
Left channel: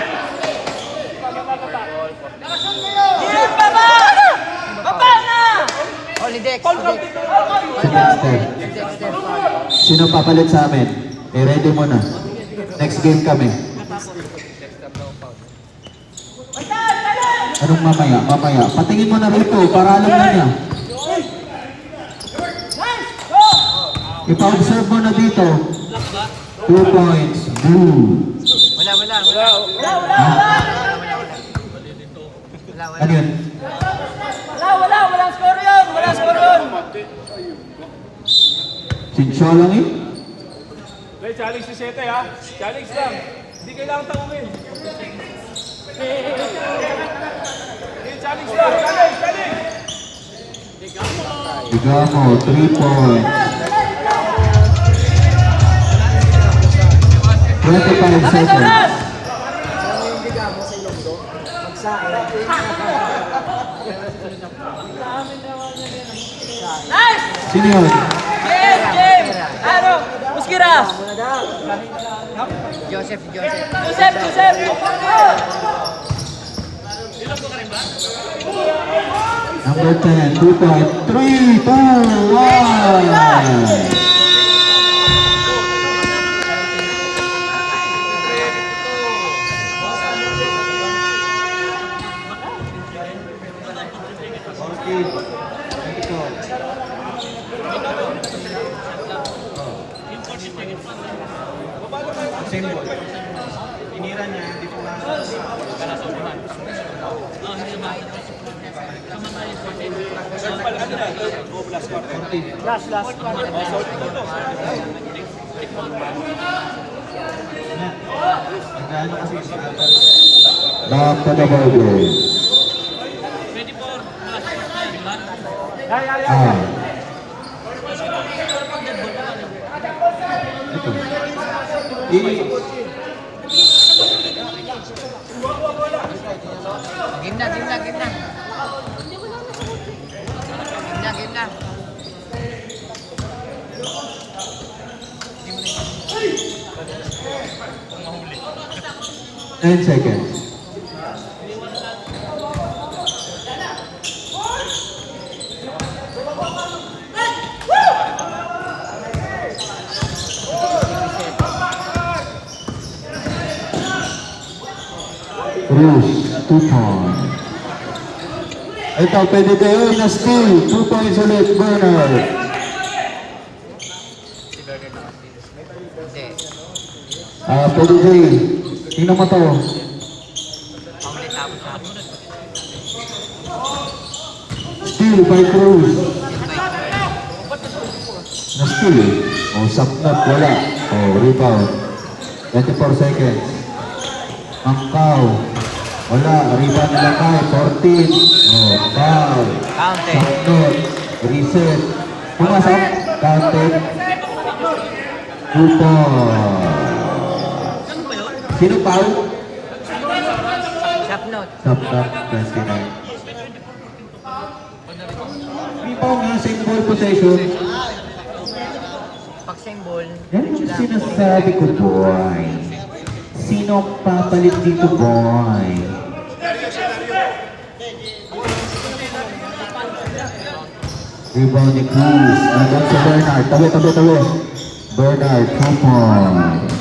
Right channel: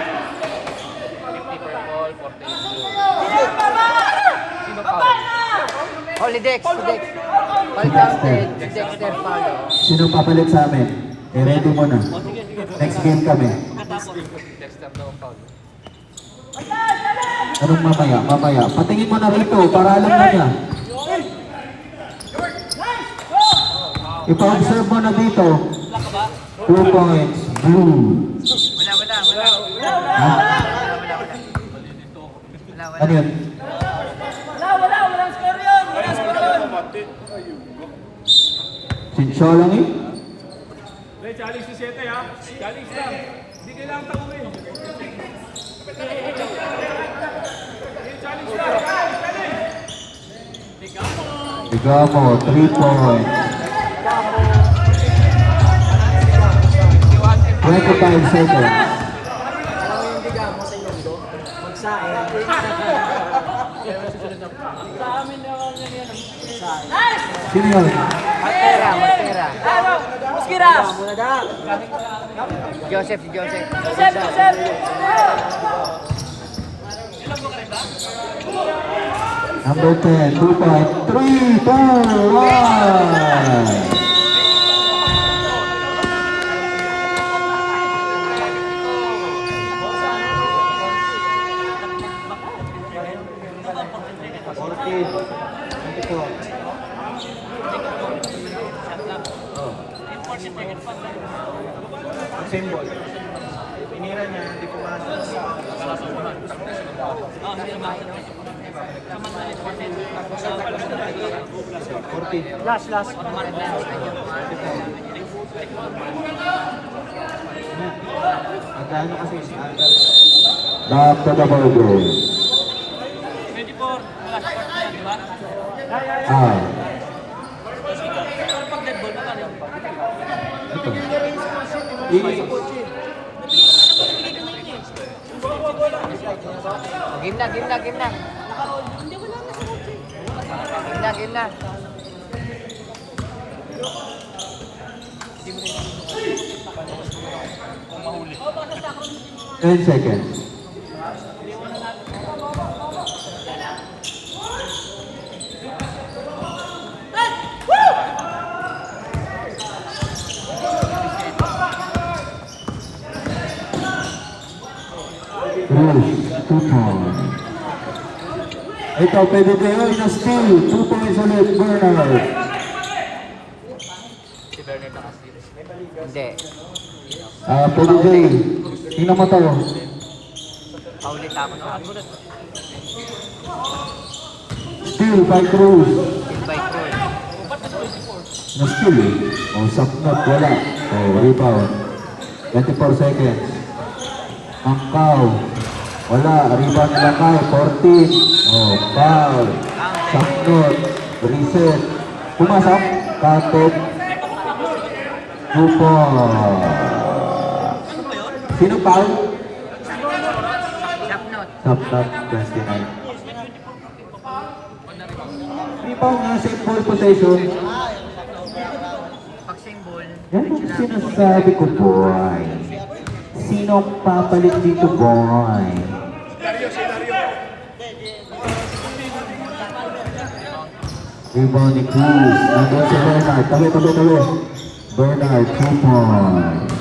Dexter. Sino papalit sa amin? Ready mo na. Next game kami. Anong mamaya? Patingin mo na rito para alam mo niya. Ipa-observe mo na dito. 2 points. Blue. Wala. Ha? Ano yun? Walang score yun. Sinsyo lang eh. Hey, challenge si Sete ha. Challenge lang. Hindi kailangan tanongin. Challenge lang. Challenge. Igamo, 3 points. 25 seconds. Sino yun? Giras! Joseph. Joseph! Number 10, 2 point, 3, 2, 1. Symbol. Tinira niya, hindi pumasok. Last. Magkano kasi si Atal? Back to the ball game. Ito. Game na. 10 seconds. Cruz, 2 points. Ito, pwede kayo na steal. 2 points ulit, Bernard. Hindi. Pwede kayo. Tingnan mo to. Paulit tapos. Steal by Cruz. Invite ko. Na steal eh. Sapnot, wala. Rebound. 24 seconds. Mangkaw. Wala. Rebound nila kay 14. Foul. Sapnot. Reset. Pumasok. Counted. 2 points. Sino foul? Sapnot. 29. Rebound nga sa ball possession. Pag symbol, Yan ang sinasabi ko, boy. Sinong papalit dito, boy? Rebound ni Cruz. Nandun si Bernard. Tabi. Bernard, 2 points.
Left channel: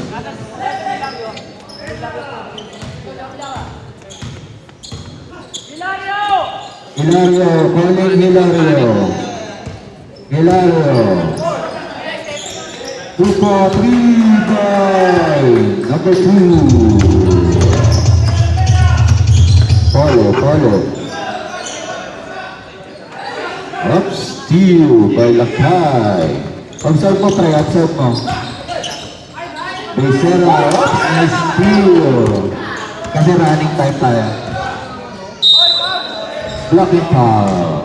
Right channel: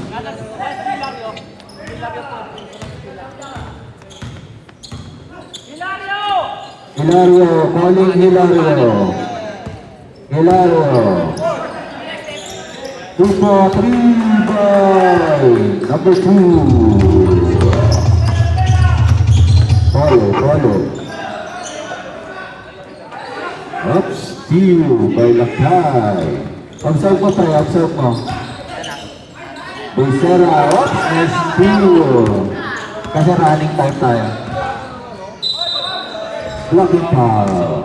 Hilario, calling Hilario. 2 for 3 by number 2. Follow. Up steal by Lakay. Observe mo, pre. Observe mo. Becerra, up nice steal. Kasi running time tayo. Blocking foul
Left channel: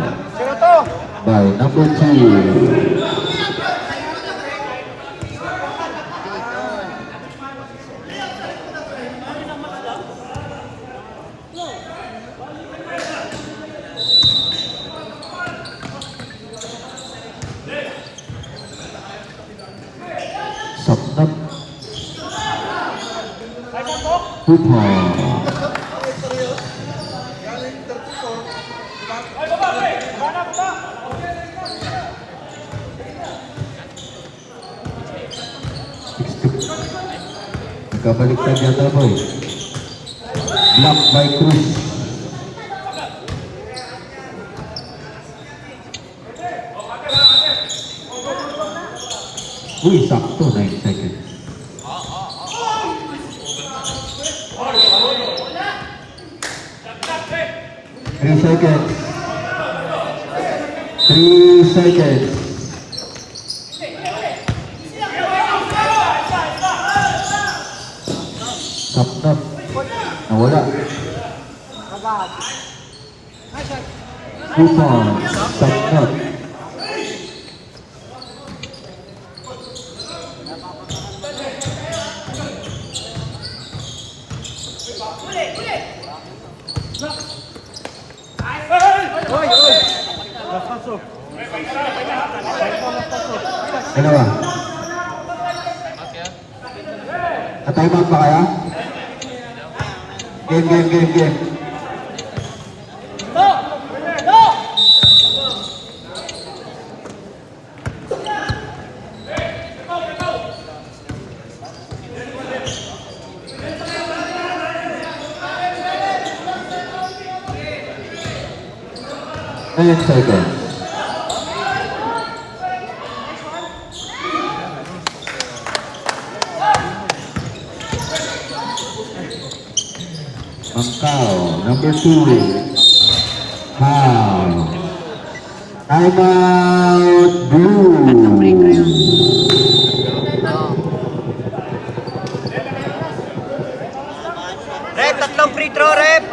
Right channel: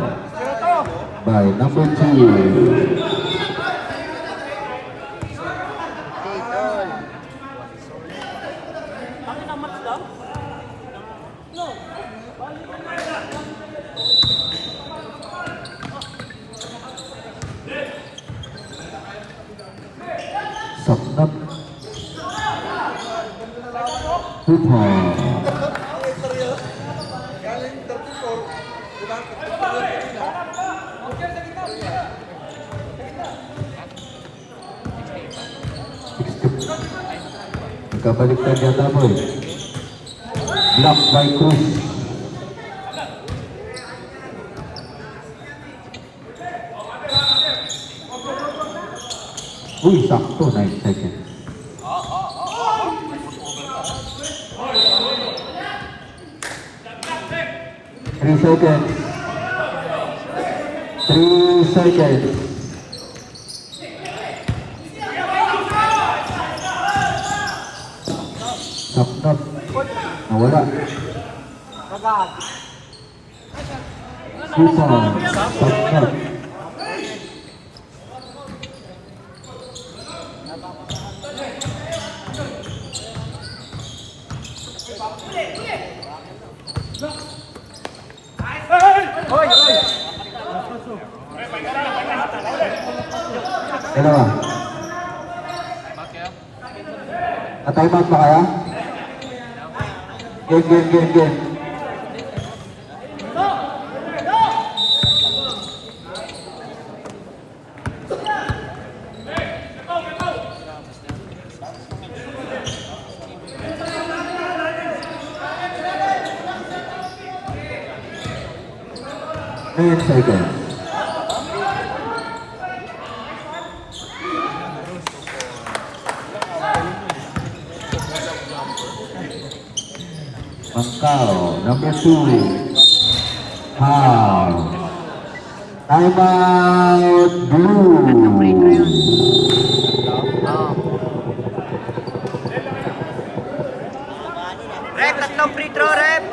by number 2. Sapnot. 2 points. Nagkabaliktad yata po eh. Block by Cruz. Uy, sakto. 9 seconds. Three seconds. 3 seconds. Sapnot. Nawala. 2 points. Sapnot. Dalawa. Atay ba kaya? Game. Eight seconds. Mangkao, number 2. How? Time out blue. Oo. Rep, tatlong free throw, rep.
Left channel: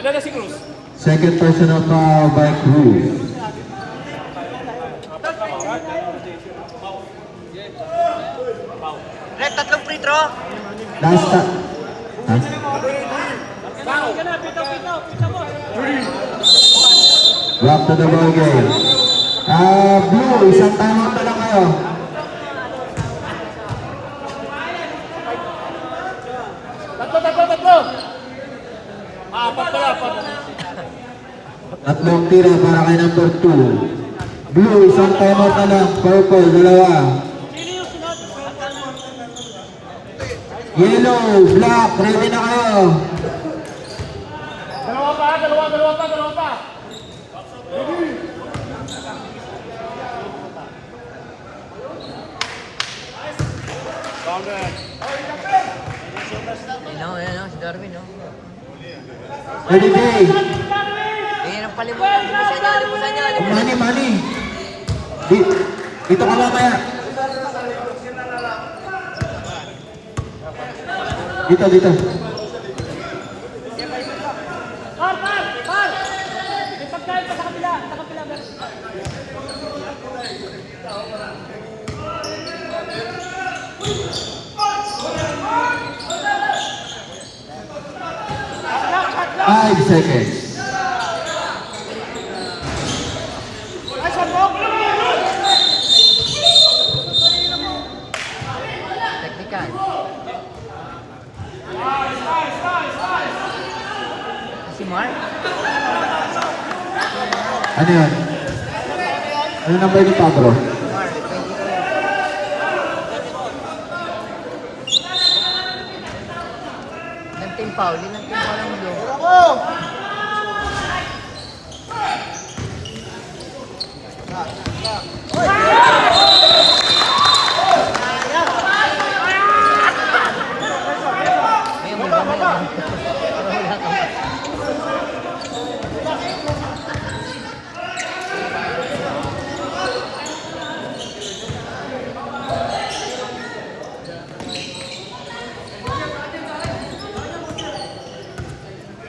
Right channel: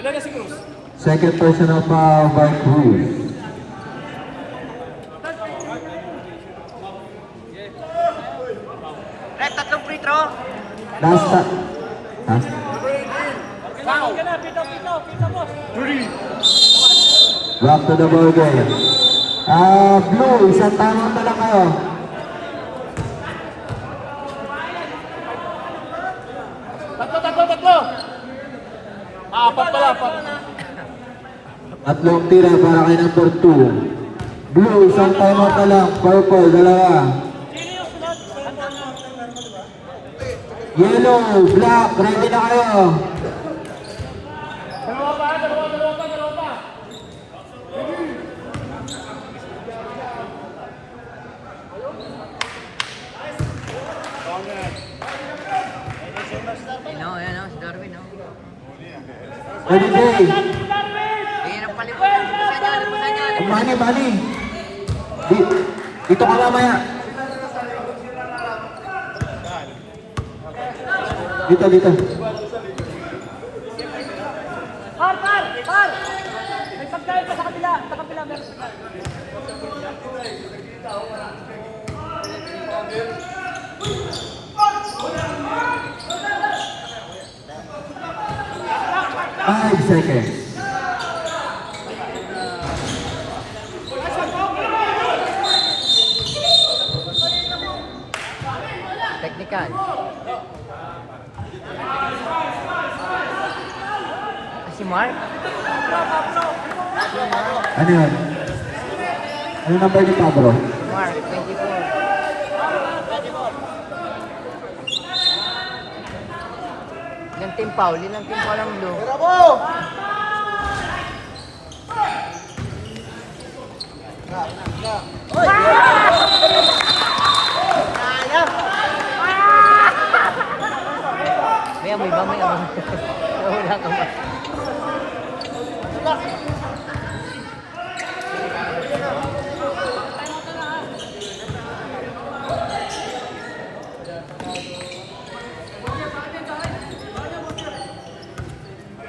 Ilan na si Cruz? Second personal foul by Cruz. Rep, tatlong free throw. Last time. Huh? Back to the ball game. Blue, isang tanong na lang kayo. Tatlo. Apat pala, apat. Tatlong tira para kay number 2. Blue, isang timeout na lang. Purple, dalawa. Yellow, black, ready na kayo. Dalawa pa. Yan o, si Darwin, no? Ready, day. Yan ang palimutan. Limusan nyo. Mani. Dito ka mamaya. Dito. Par! May pagkain pa sa kapila. Sa kapila meron. 5 seconds. Technical. Si Mark? Ano yun? Ano number ni Pablo? Mark, 22. Ilang team foul? Ilang team foul mo doon? Ayan, may banda lang.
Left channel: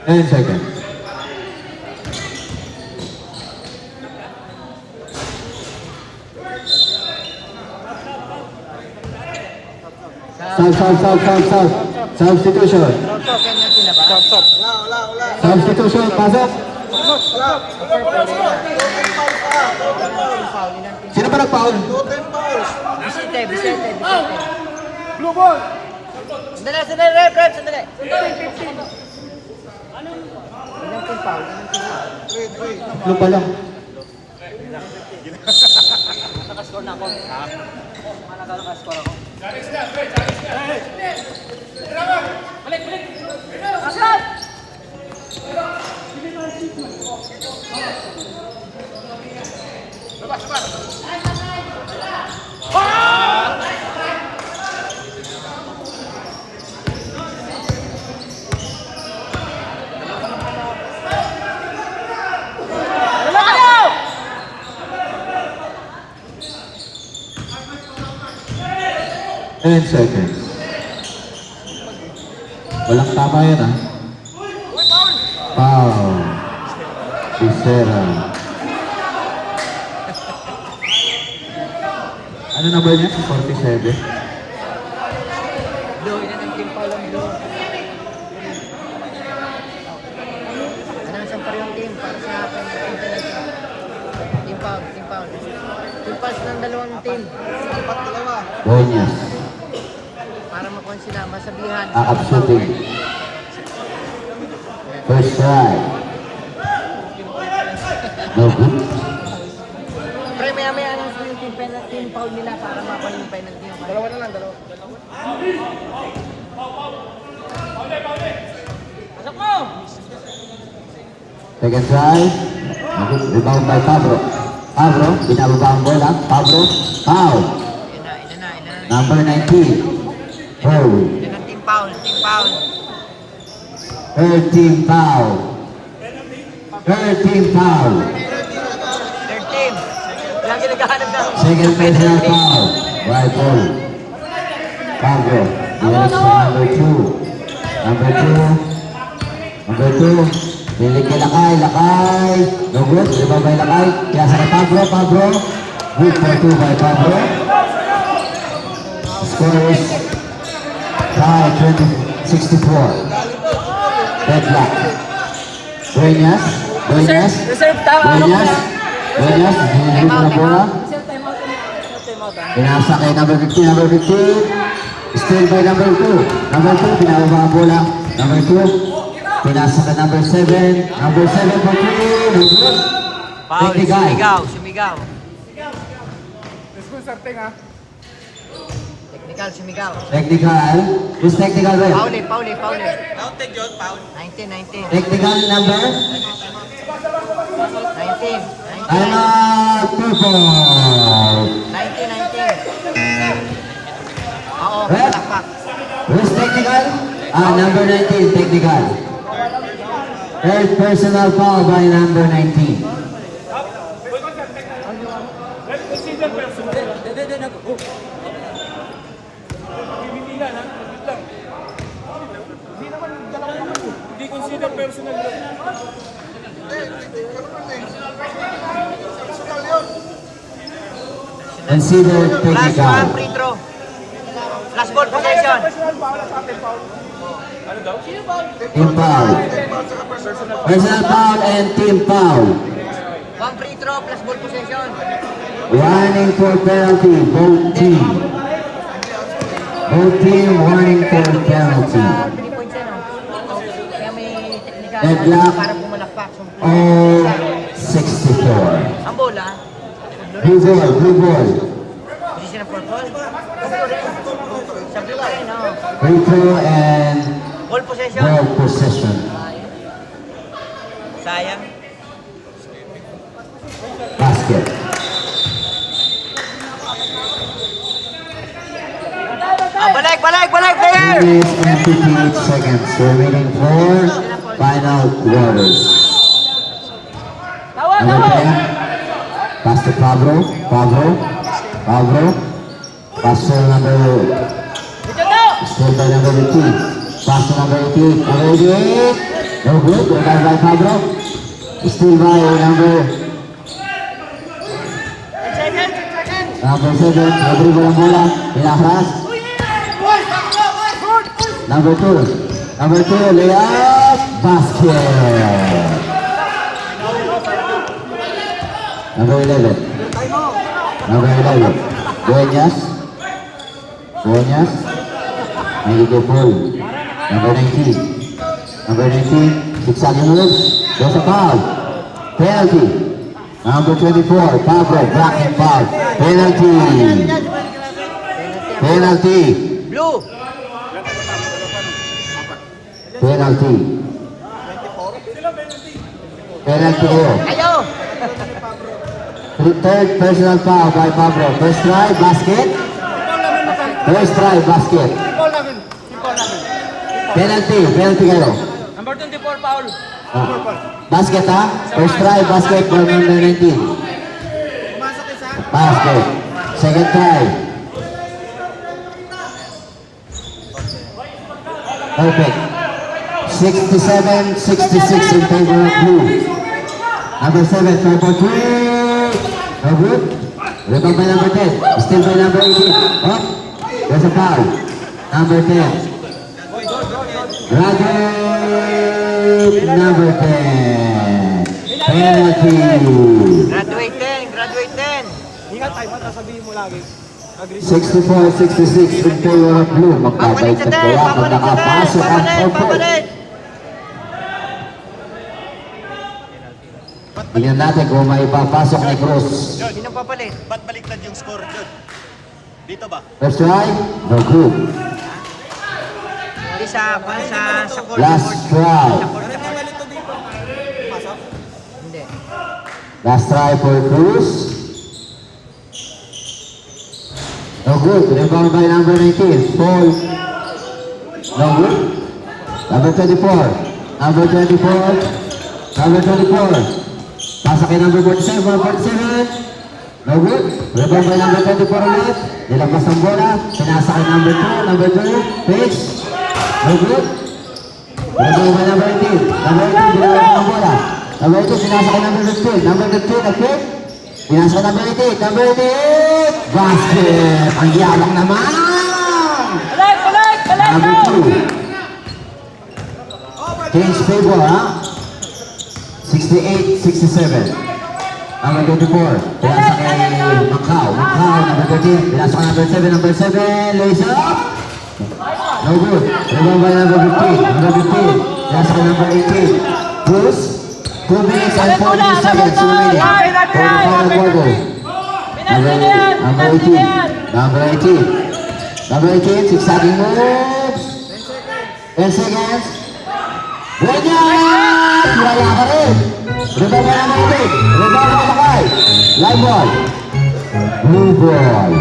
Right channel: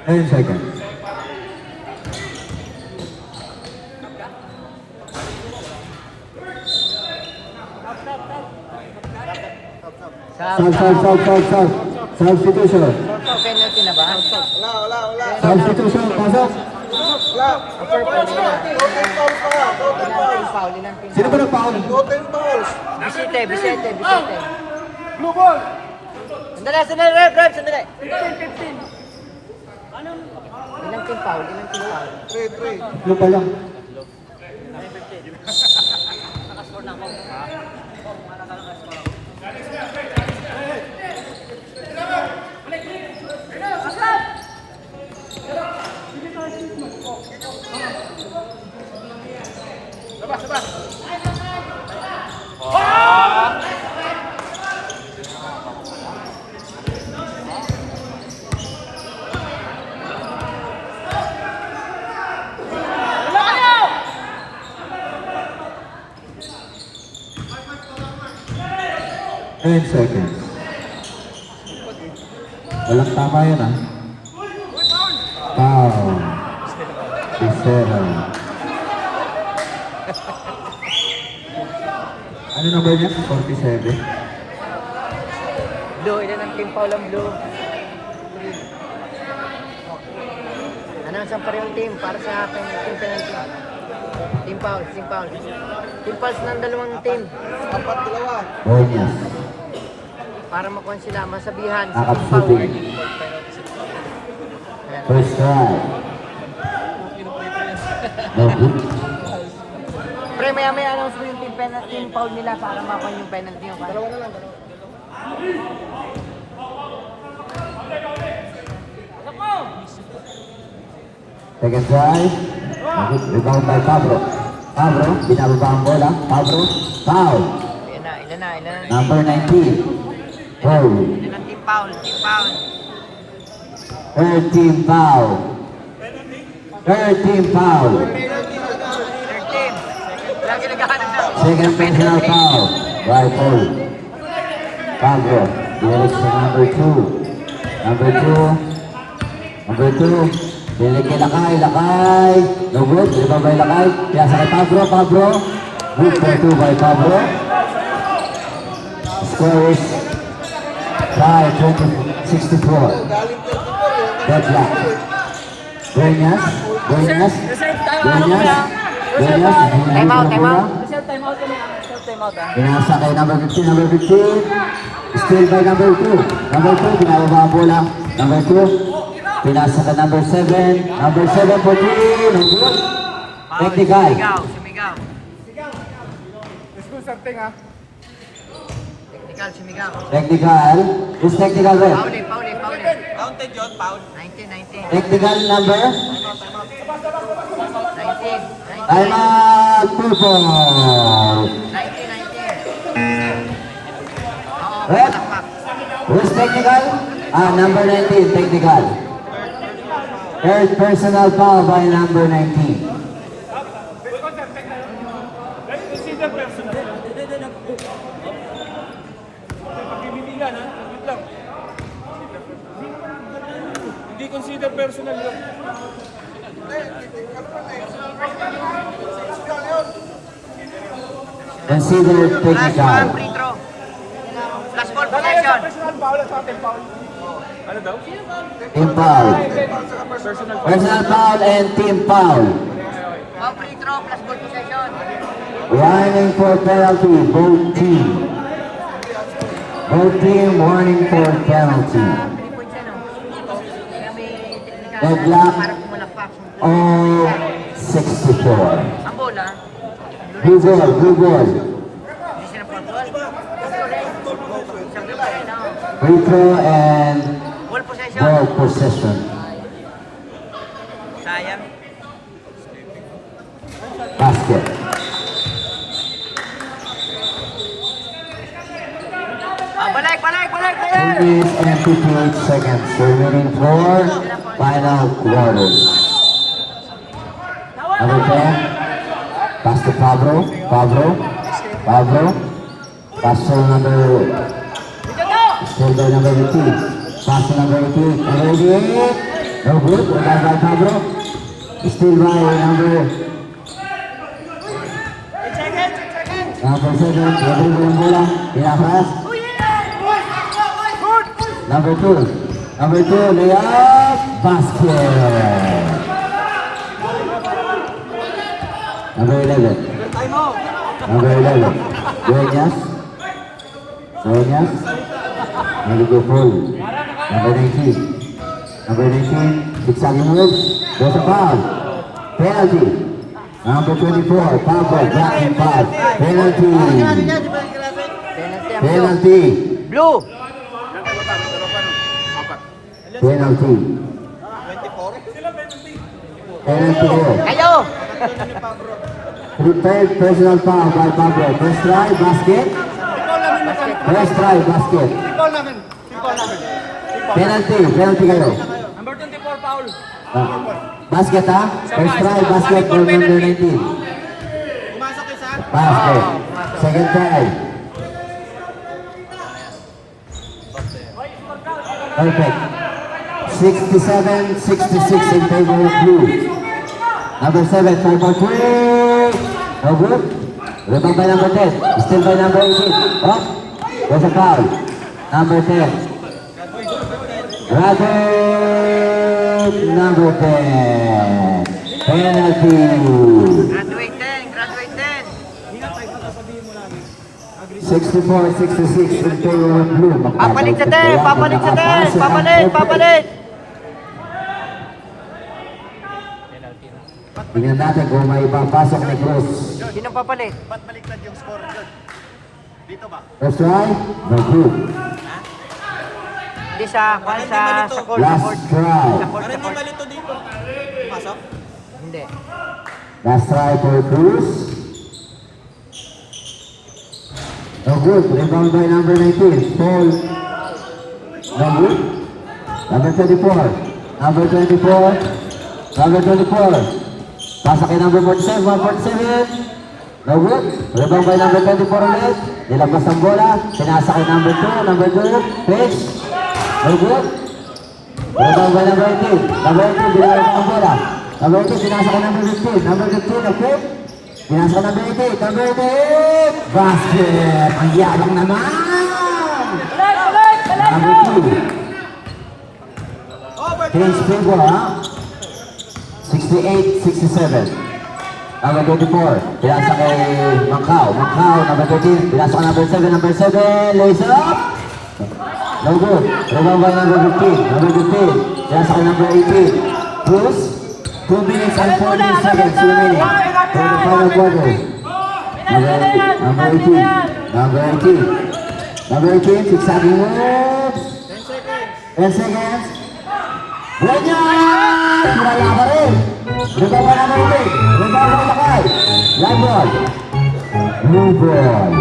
Ten seconds. Sub. Substitution. Okay na sila ba? Substitution. Pasok. Sino ba nag-foul? Bisete. Blue ball! Sandali, rep, sandali. 15. Ilang team foul? Ano pa lang? Ten seconds. Walang tama yan, ah. Foul. Bisera. Ano number niya? 47? Blue, ilan ang team foul ang blue? Anong isang parehong team para sa ating team penalty? Team foul. Team fouls ng dalawang team. Bonyas. Para sila masabihan. Akap shooting. First try. No good. Pre, maya-maya lang sa yung penalty, yung foul nila para makakuha yung penalty. Dalawa na lang, dalawa. Second try. Okay, rebound by Pablo. Pablo, binababa ang bola. Pablo, foul. Ilan na. Number 19. Foul. Ilan na team foul, team foul. Third team foul. Third team foul. Third team. Lagi naghahanap na. Second personal foul. Right foul. Pablo, direct sa number 2. Number 2. Number 2. Dilig kay Lakay. No good. Rebound by Lakay. Kaya sa kay Pablo. Good for 2 by Pablo. Score is tie 64. Deadlock. Dueñas. Dueñas. Hindi ko na bola. Pinasa kay number 15. Number 15. Still by number 2. Number 2. Pinababa ang bola. Number 2. Pinasa ka number 7. Number 7 for 3. No good. Foul, Technical. sumigaw. Let's go, Sarteng, ha? Technical, sumigaw. Technical. Who's technical, ref? Foul. Take yun, foul. 19. Technical number? 19. Time out. 2 point. 19. Oo, Ref? palakpak. Who's technical? Number 19, technical. Third personal foul by number 19. Let's consider personal. Pagbibilihan, ha? Naglit lang. Hindi consider personal yun. Consider Last one, technical. free throw. Last ball possession. Ano daw? Team foul. Personal foul and team foul. One free throw plus ball possession. Warning for penalty, both team. Both team warning for penalty. Deadlock. Parang pumalakpak. All 64. Ang bola. Blue ball, blue ball. Hindi sila purple. No. Free throw and Ball possession. ball possession. Sayang. Basket. Balik, player. 3 minutes and 58 seconds remaining for final quarters. Number 10. Pass to Pablo. Pass to number... Still by number 18. Pass to number 18. Number 88. No good. Rebound by Pablo. Still by number 7. Rodrigo ng bola. Pinakras. Number 2, layup, basket. Number 11. Dueñas. Naligo full. Number 19. Zigzagging moves. There's a foul. Penalty. Number 24, Pablo, blocking foul. Penalty. Blue. Penalty ko. Ayaw. Third personal foul by Pablo. First try, basket. Recall namin. Penalty kayo. Number 24, foul. Basket ha? First try, basket for number 19. Basket. Second try. Perfect. 67-66 in favor of blue. Number 7, 4 for 3. No good. Rebound by number 10. Still by number 18. Oh, there's a foul. Number 10. Graduate number 10. Penalty. Graduate 10. Ingat tayo, sasabihin mo lagi. 64-66 in favor of blue. Magbabalik at kaya pag nakapasok ang purple. Tingnan natin kung may papasok ni Cruz. Sino papalit? Ba't baliktad yung score? Good. Dito ba? First try, no good. Hindi sa goal. Last try. Hindi. Last try for Cruz. No good. Rebound by number 19. Fall. No good. Number 24. Number 24. Number 24. Pasa kay number 47. 47. No good. Rebound by number 24 ulit. Nilabas ang bola. Pinasa kay number 2. Number 2. Pitch. No good. Rebound by number 18. Number 18. Binawag ang bola. Number 18. Pinasa kay number 15. Number 15. Nag-pick. Pinasa kay number 18. Number 18. Basket. Ang yabang naman. Number 2. Change favor, ha? 68-67. Number 24. Pinasa kay Macau. Macau. Number 13. Pinasa kay number 7. Number 7. Lays up. No good. Rebound by number 15. Number 15. Pinasa kay number 18. Bruce. 2 minutes and 14 seconds remaining for the final quarter. Number 18. Number 18. Number 18. Zigzagging moves. 10 seconds. Buenyat! Wala ka rin. Rebound by number 18. Rebound by Lakay. Live ball. Blue ball.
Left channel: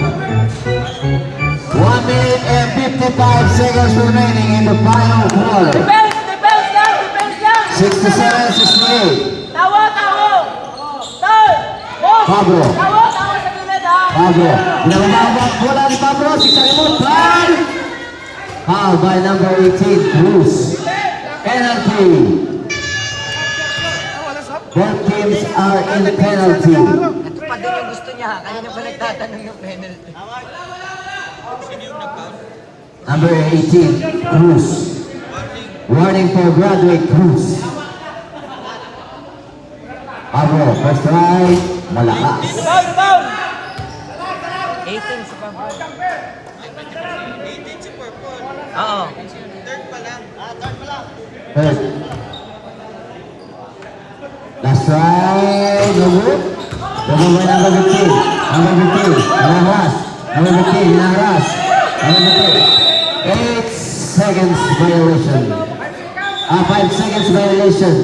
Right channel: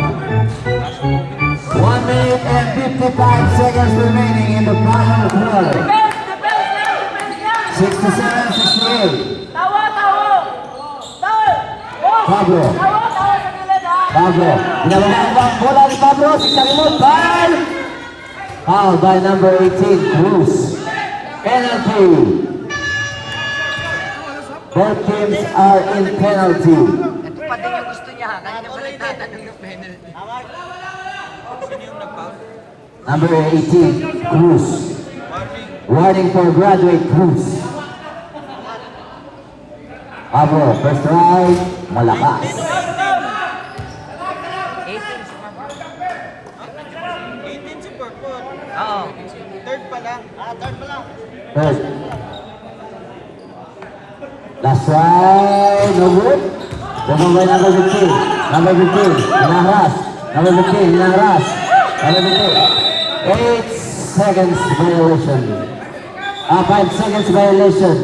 1 minute and 55 seconds remaining in the final quarter. 67-68. Pablo. Pablo. Binababa ang bola ni Pablo. Zigzagging move. Foul by number 18. Cruz. Penalty. Both teams are in penalty. Ito pa din yung gusto niya. Kanina pa nagtatanong ng penalty. Number 18, Cruz. Warning for graduate Cruz. Pablo, first try, malakas. 18 sa pagbawa. Oo. Third. Last try, no good. Rebound by number 15. Number 15, Hinahras. Number 15, Hinahras. Number 15. 8 seconds violation. 5 seconds violation.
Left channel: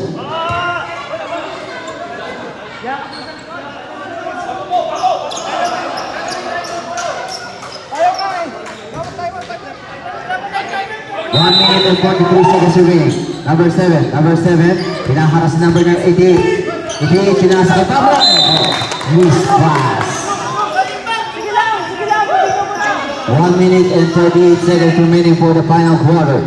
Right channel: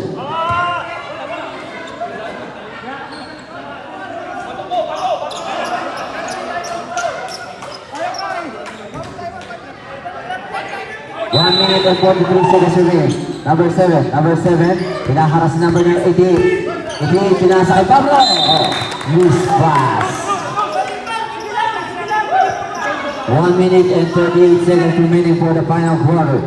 One minute and 43 seconds remaining. Number 7. Number 7. Pinaharas si number 88. 88. Sinasa kay Pablo. Miss pass. 1 minute and 38 seconds remaining for the final quarter.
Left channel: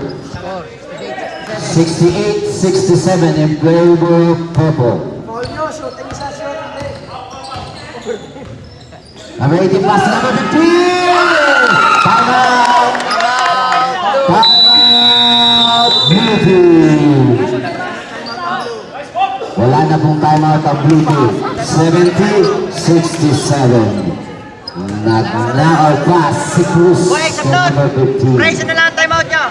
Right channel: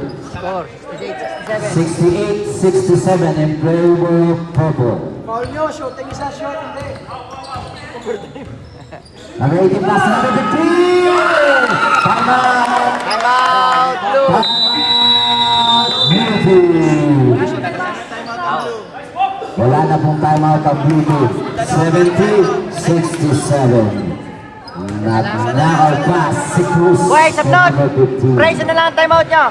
68-67 in favor of purple. Number 18 pass to number 15. Time out. Time out. Blue. Wala na pong time out ang blue team. 70-67. Nag-knock pass si Cruz Wait, sa sunod. number 15. Bray, isa na lang ang timeout nyo.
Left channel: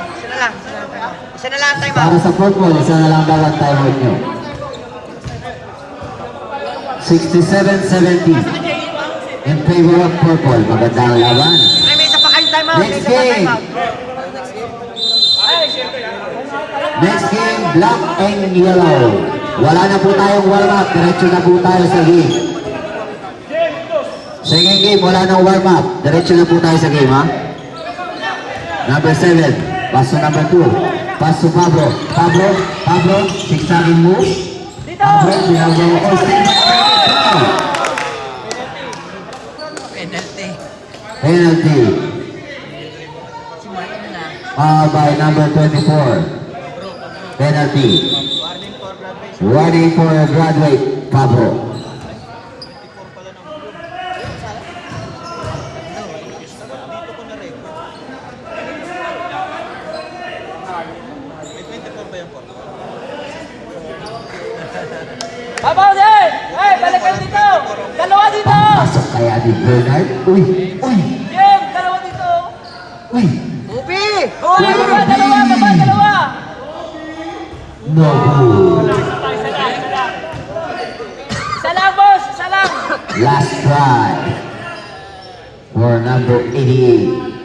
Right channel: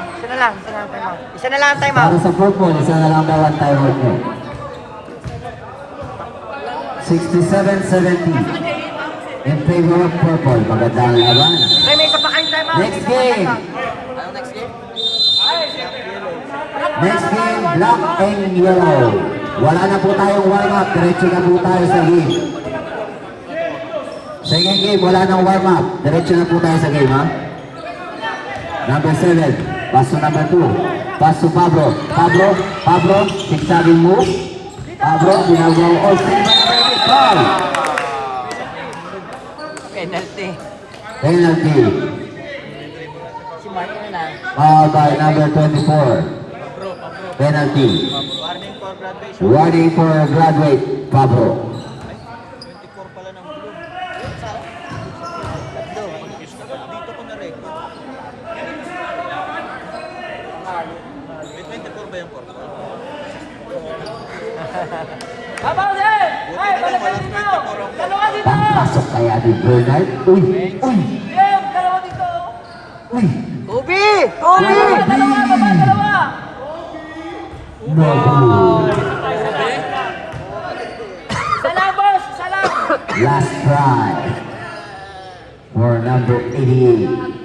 Isa na lang ang timeout. Para sa purple, isa na lang daw ang time out nyo. 67-70 in favor of purple. Magandang laban. Ay, may isa pa kayong timeout. Next game. Next game, black and yellow. Wala na po tayong warm-up. Diretso na po tayo sa game. Second game, wala nang warm-up. Diretso na po tayo sa game, ha? Number 7, pass to number 2. Pass to Pablo. Pablo, zigzagging move. Pablo, ginagawa all still by number Penalty. 5. Penalty. By number 24. Penalty. Warning for graduate Pablo. Babaw din! Hey, balik kayo dito! Dalawa dito! Papasok kaya ni Bernard. Uy! Yeah! Uy! Ubi! Kobe! No good. Isa lang, boss! Isa lang! Last try for number 88.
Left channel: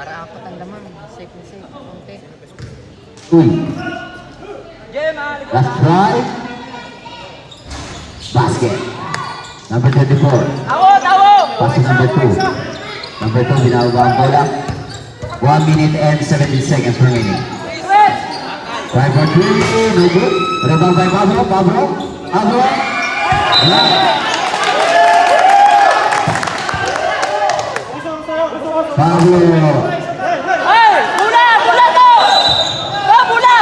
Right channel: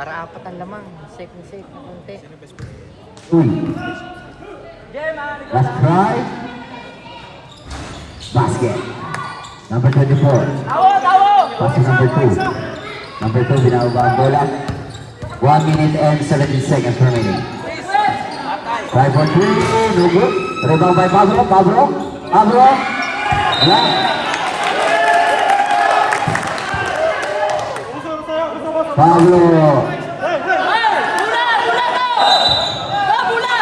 Para apat ang laman. Safe na safe. Konti. Uy! Last try. Basket. Number 24. Pass to number 2. Number 2, binababa ang bola. 1 minute and 17 seconds remaining. Try for 3. No good. Rebound by Pablo. Pablo. Wala. Pablo. Hoy! Bula! Bula to! Go, bula!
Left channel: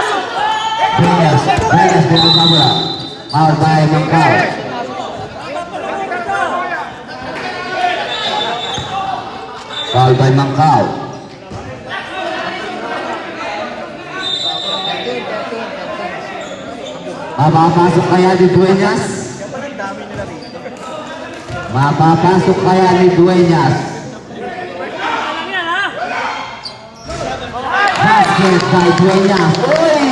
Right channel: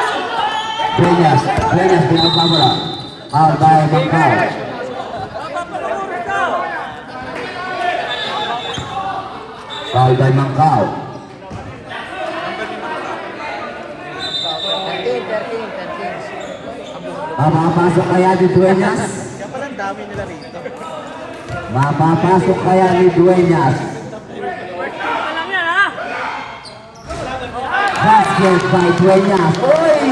Dueñas. Binababa ang bola. Out by Macau. Foul by Macau. 13. Mapapasok kaya ni Dueñas? Mapapasok kaya ni Dueñas? Basket by Dueñas. Uy!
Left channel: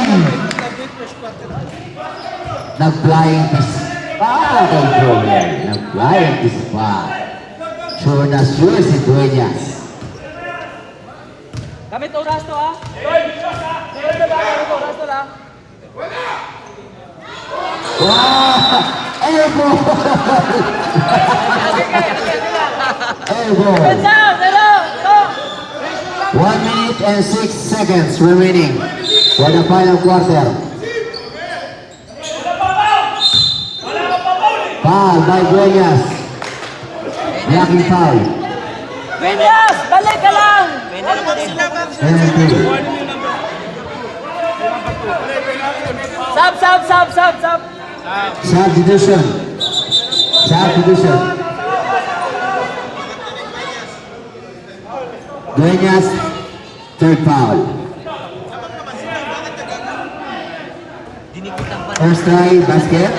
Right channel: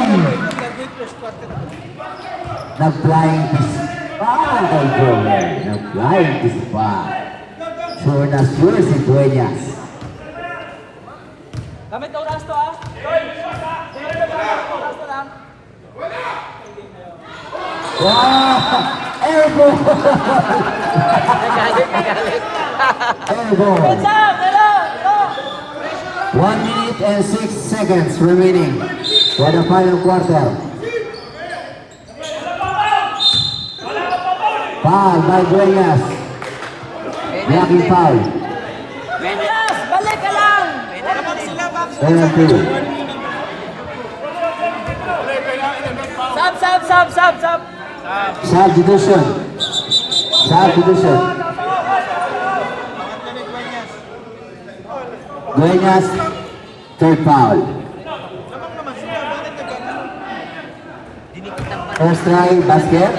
Nag-flying this kay Joel. Nag-flying this Sure na sure si Dueñas. Gamit oras to, ha? Wow! Elbow! Elbow! Down! Dalo! 1 minute and 6 seconds remaining for the final quarter. Foul by Dueñas. Blocking foul. Yes! Balik ka lang! Penalty. Sub! Substitution. Dueñas, third foul. First try, basket.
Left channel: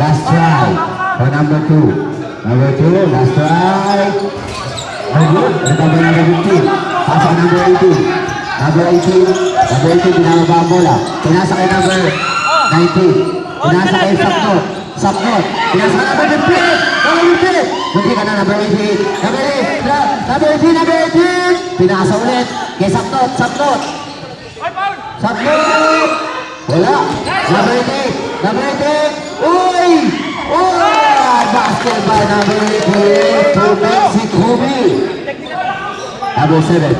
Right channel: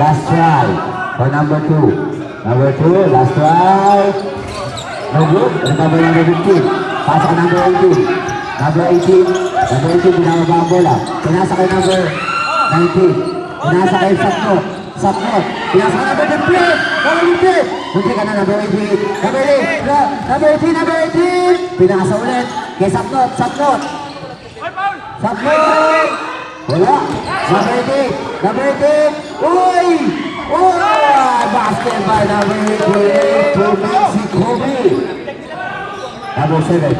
Last try for number 2. Last try. No good. Recover number 15. Pass on number 18. Number 18, binababa ang bola. Pinasa kay number 19. Pinasa kay Sapnot. Pinasa kay number 15. Munti ka na number 18. Number 18. Pinasa ulit kay Sapnot. Wala. Number 18. Uy! Basket by number 18 to Mexico. Number 7,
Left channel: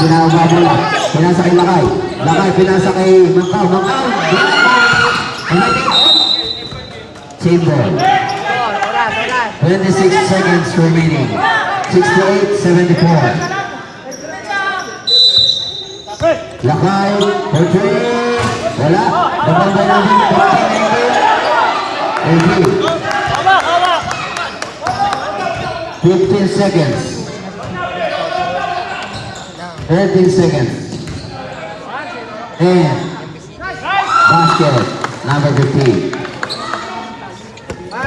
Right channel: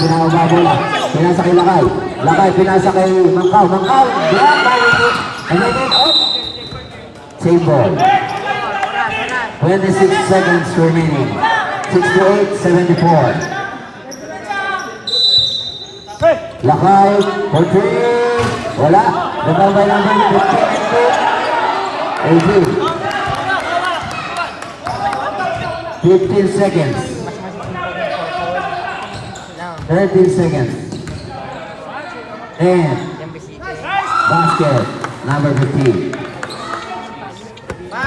binababa ang bola. Pinasa kay Lakay, pinasa kay Macau. Chain ball. 26 seconds remaining. 68-74. Lakay, for 3. Wala. Nababay natin 15 seconds. 13 seconds. And basket number 15.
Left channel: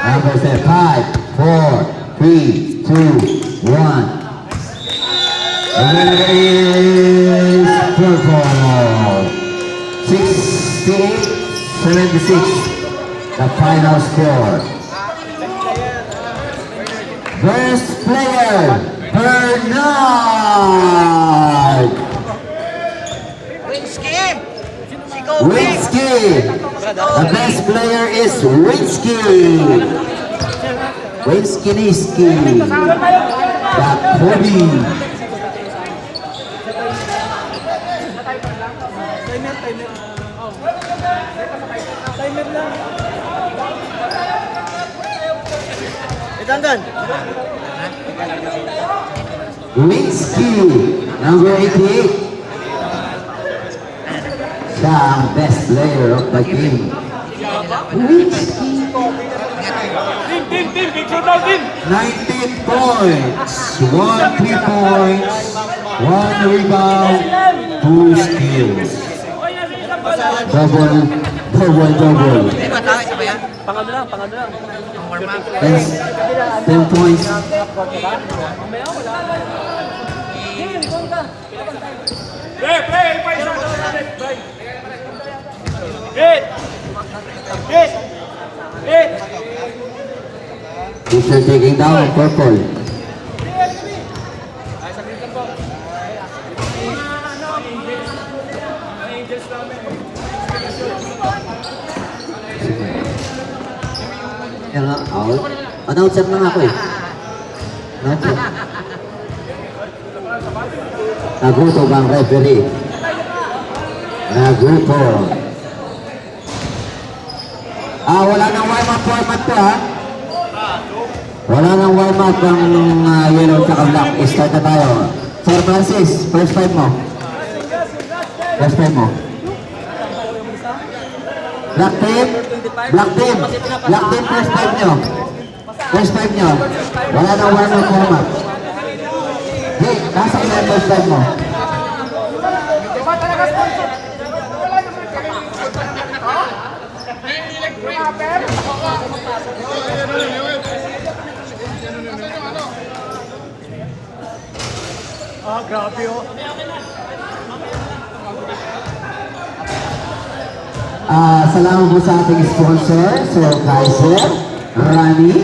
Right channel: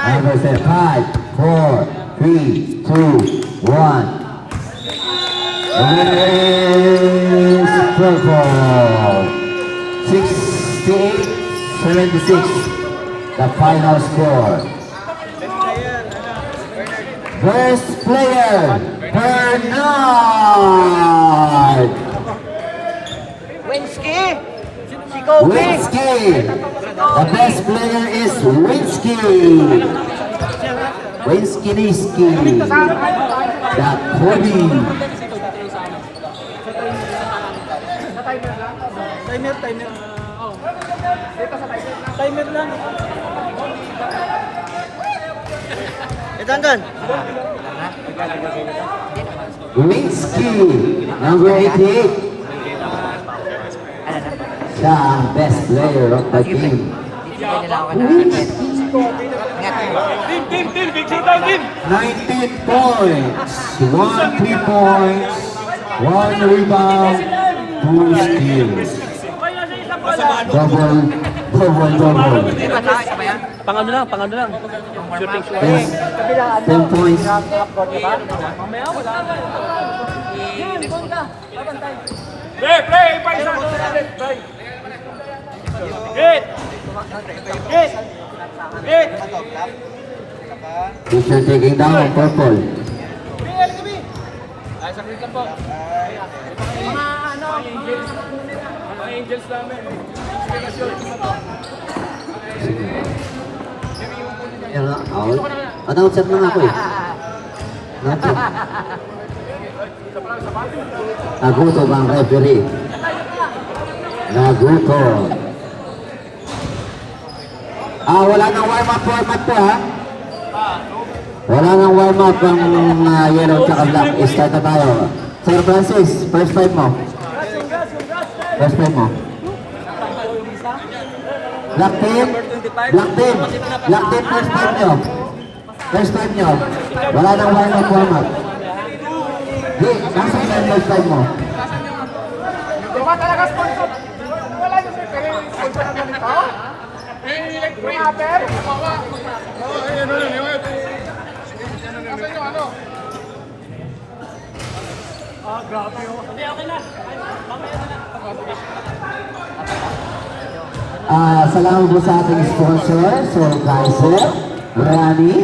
Number 5, 4, 3, 2, 1. The winner is purple. 68-76. The final score. Best player, Bernard Winsky. The best player is Winsky. Winsky. The Kobe. Timer lang. Tanggal. Winsky, number 88. Siya ang best player of the game. Winsky. Team! Big showdown, team! 19 points, 1 3 points, 1 rebound, 2 steals. Double. Di ba tayo? Isa ba yan? Pangano lang. Yes. 10 points. Play! Hit! Teacher taking down, purple. Kaya nga, out. Announcer na nga ako eh. Announcer. Nagutom ang referee. Nagutom. Wala nang warm-up format to ha. Wala nang warm-up ang yellow tsaka black. Start na tayo. Sir Francis, first five mo. First five mo. Black team, first five nyo. First five nyo. Wala nang warm-up format. Di, nasa ina yung first five mo. Salamat po sa ating sponsor, Sir Kaiser, Rani,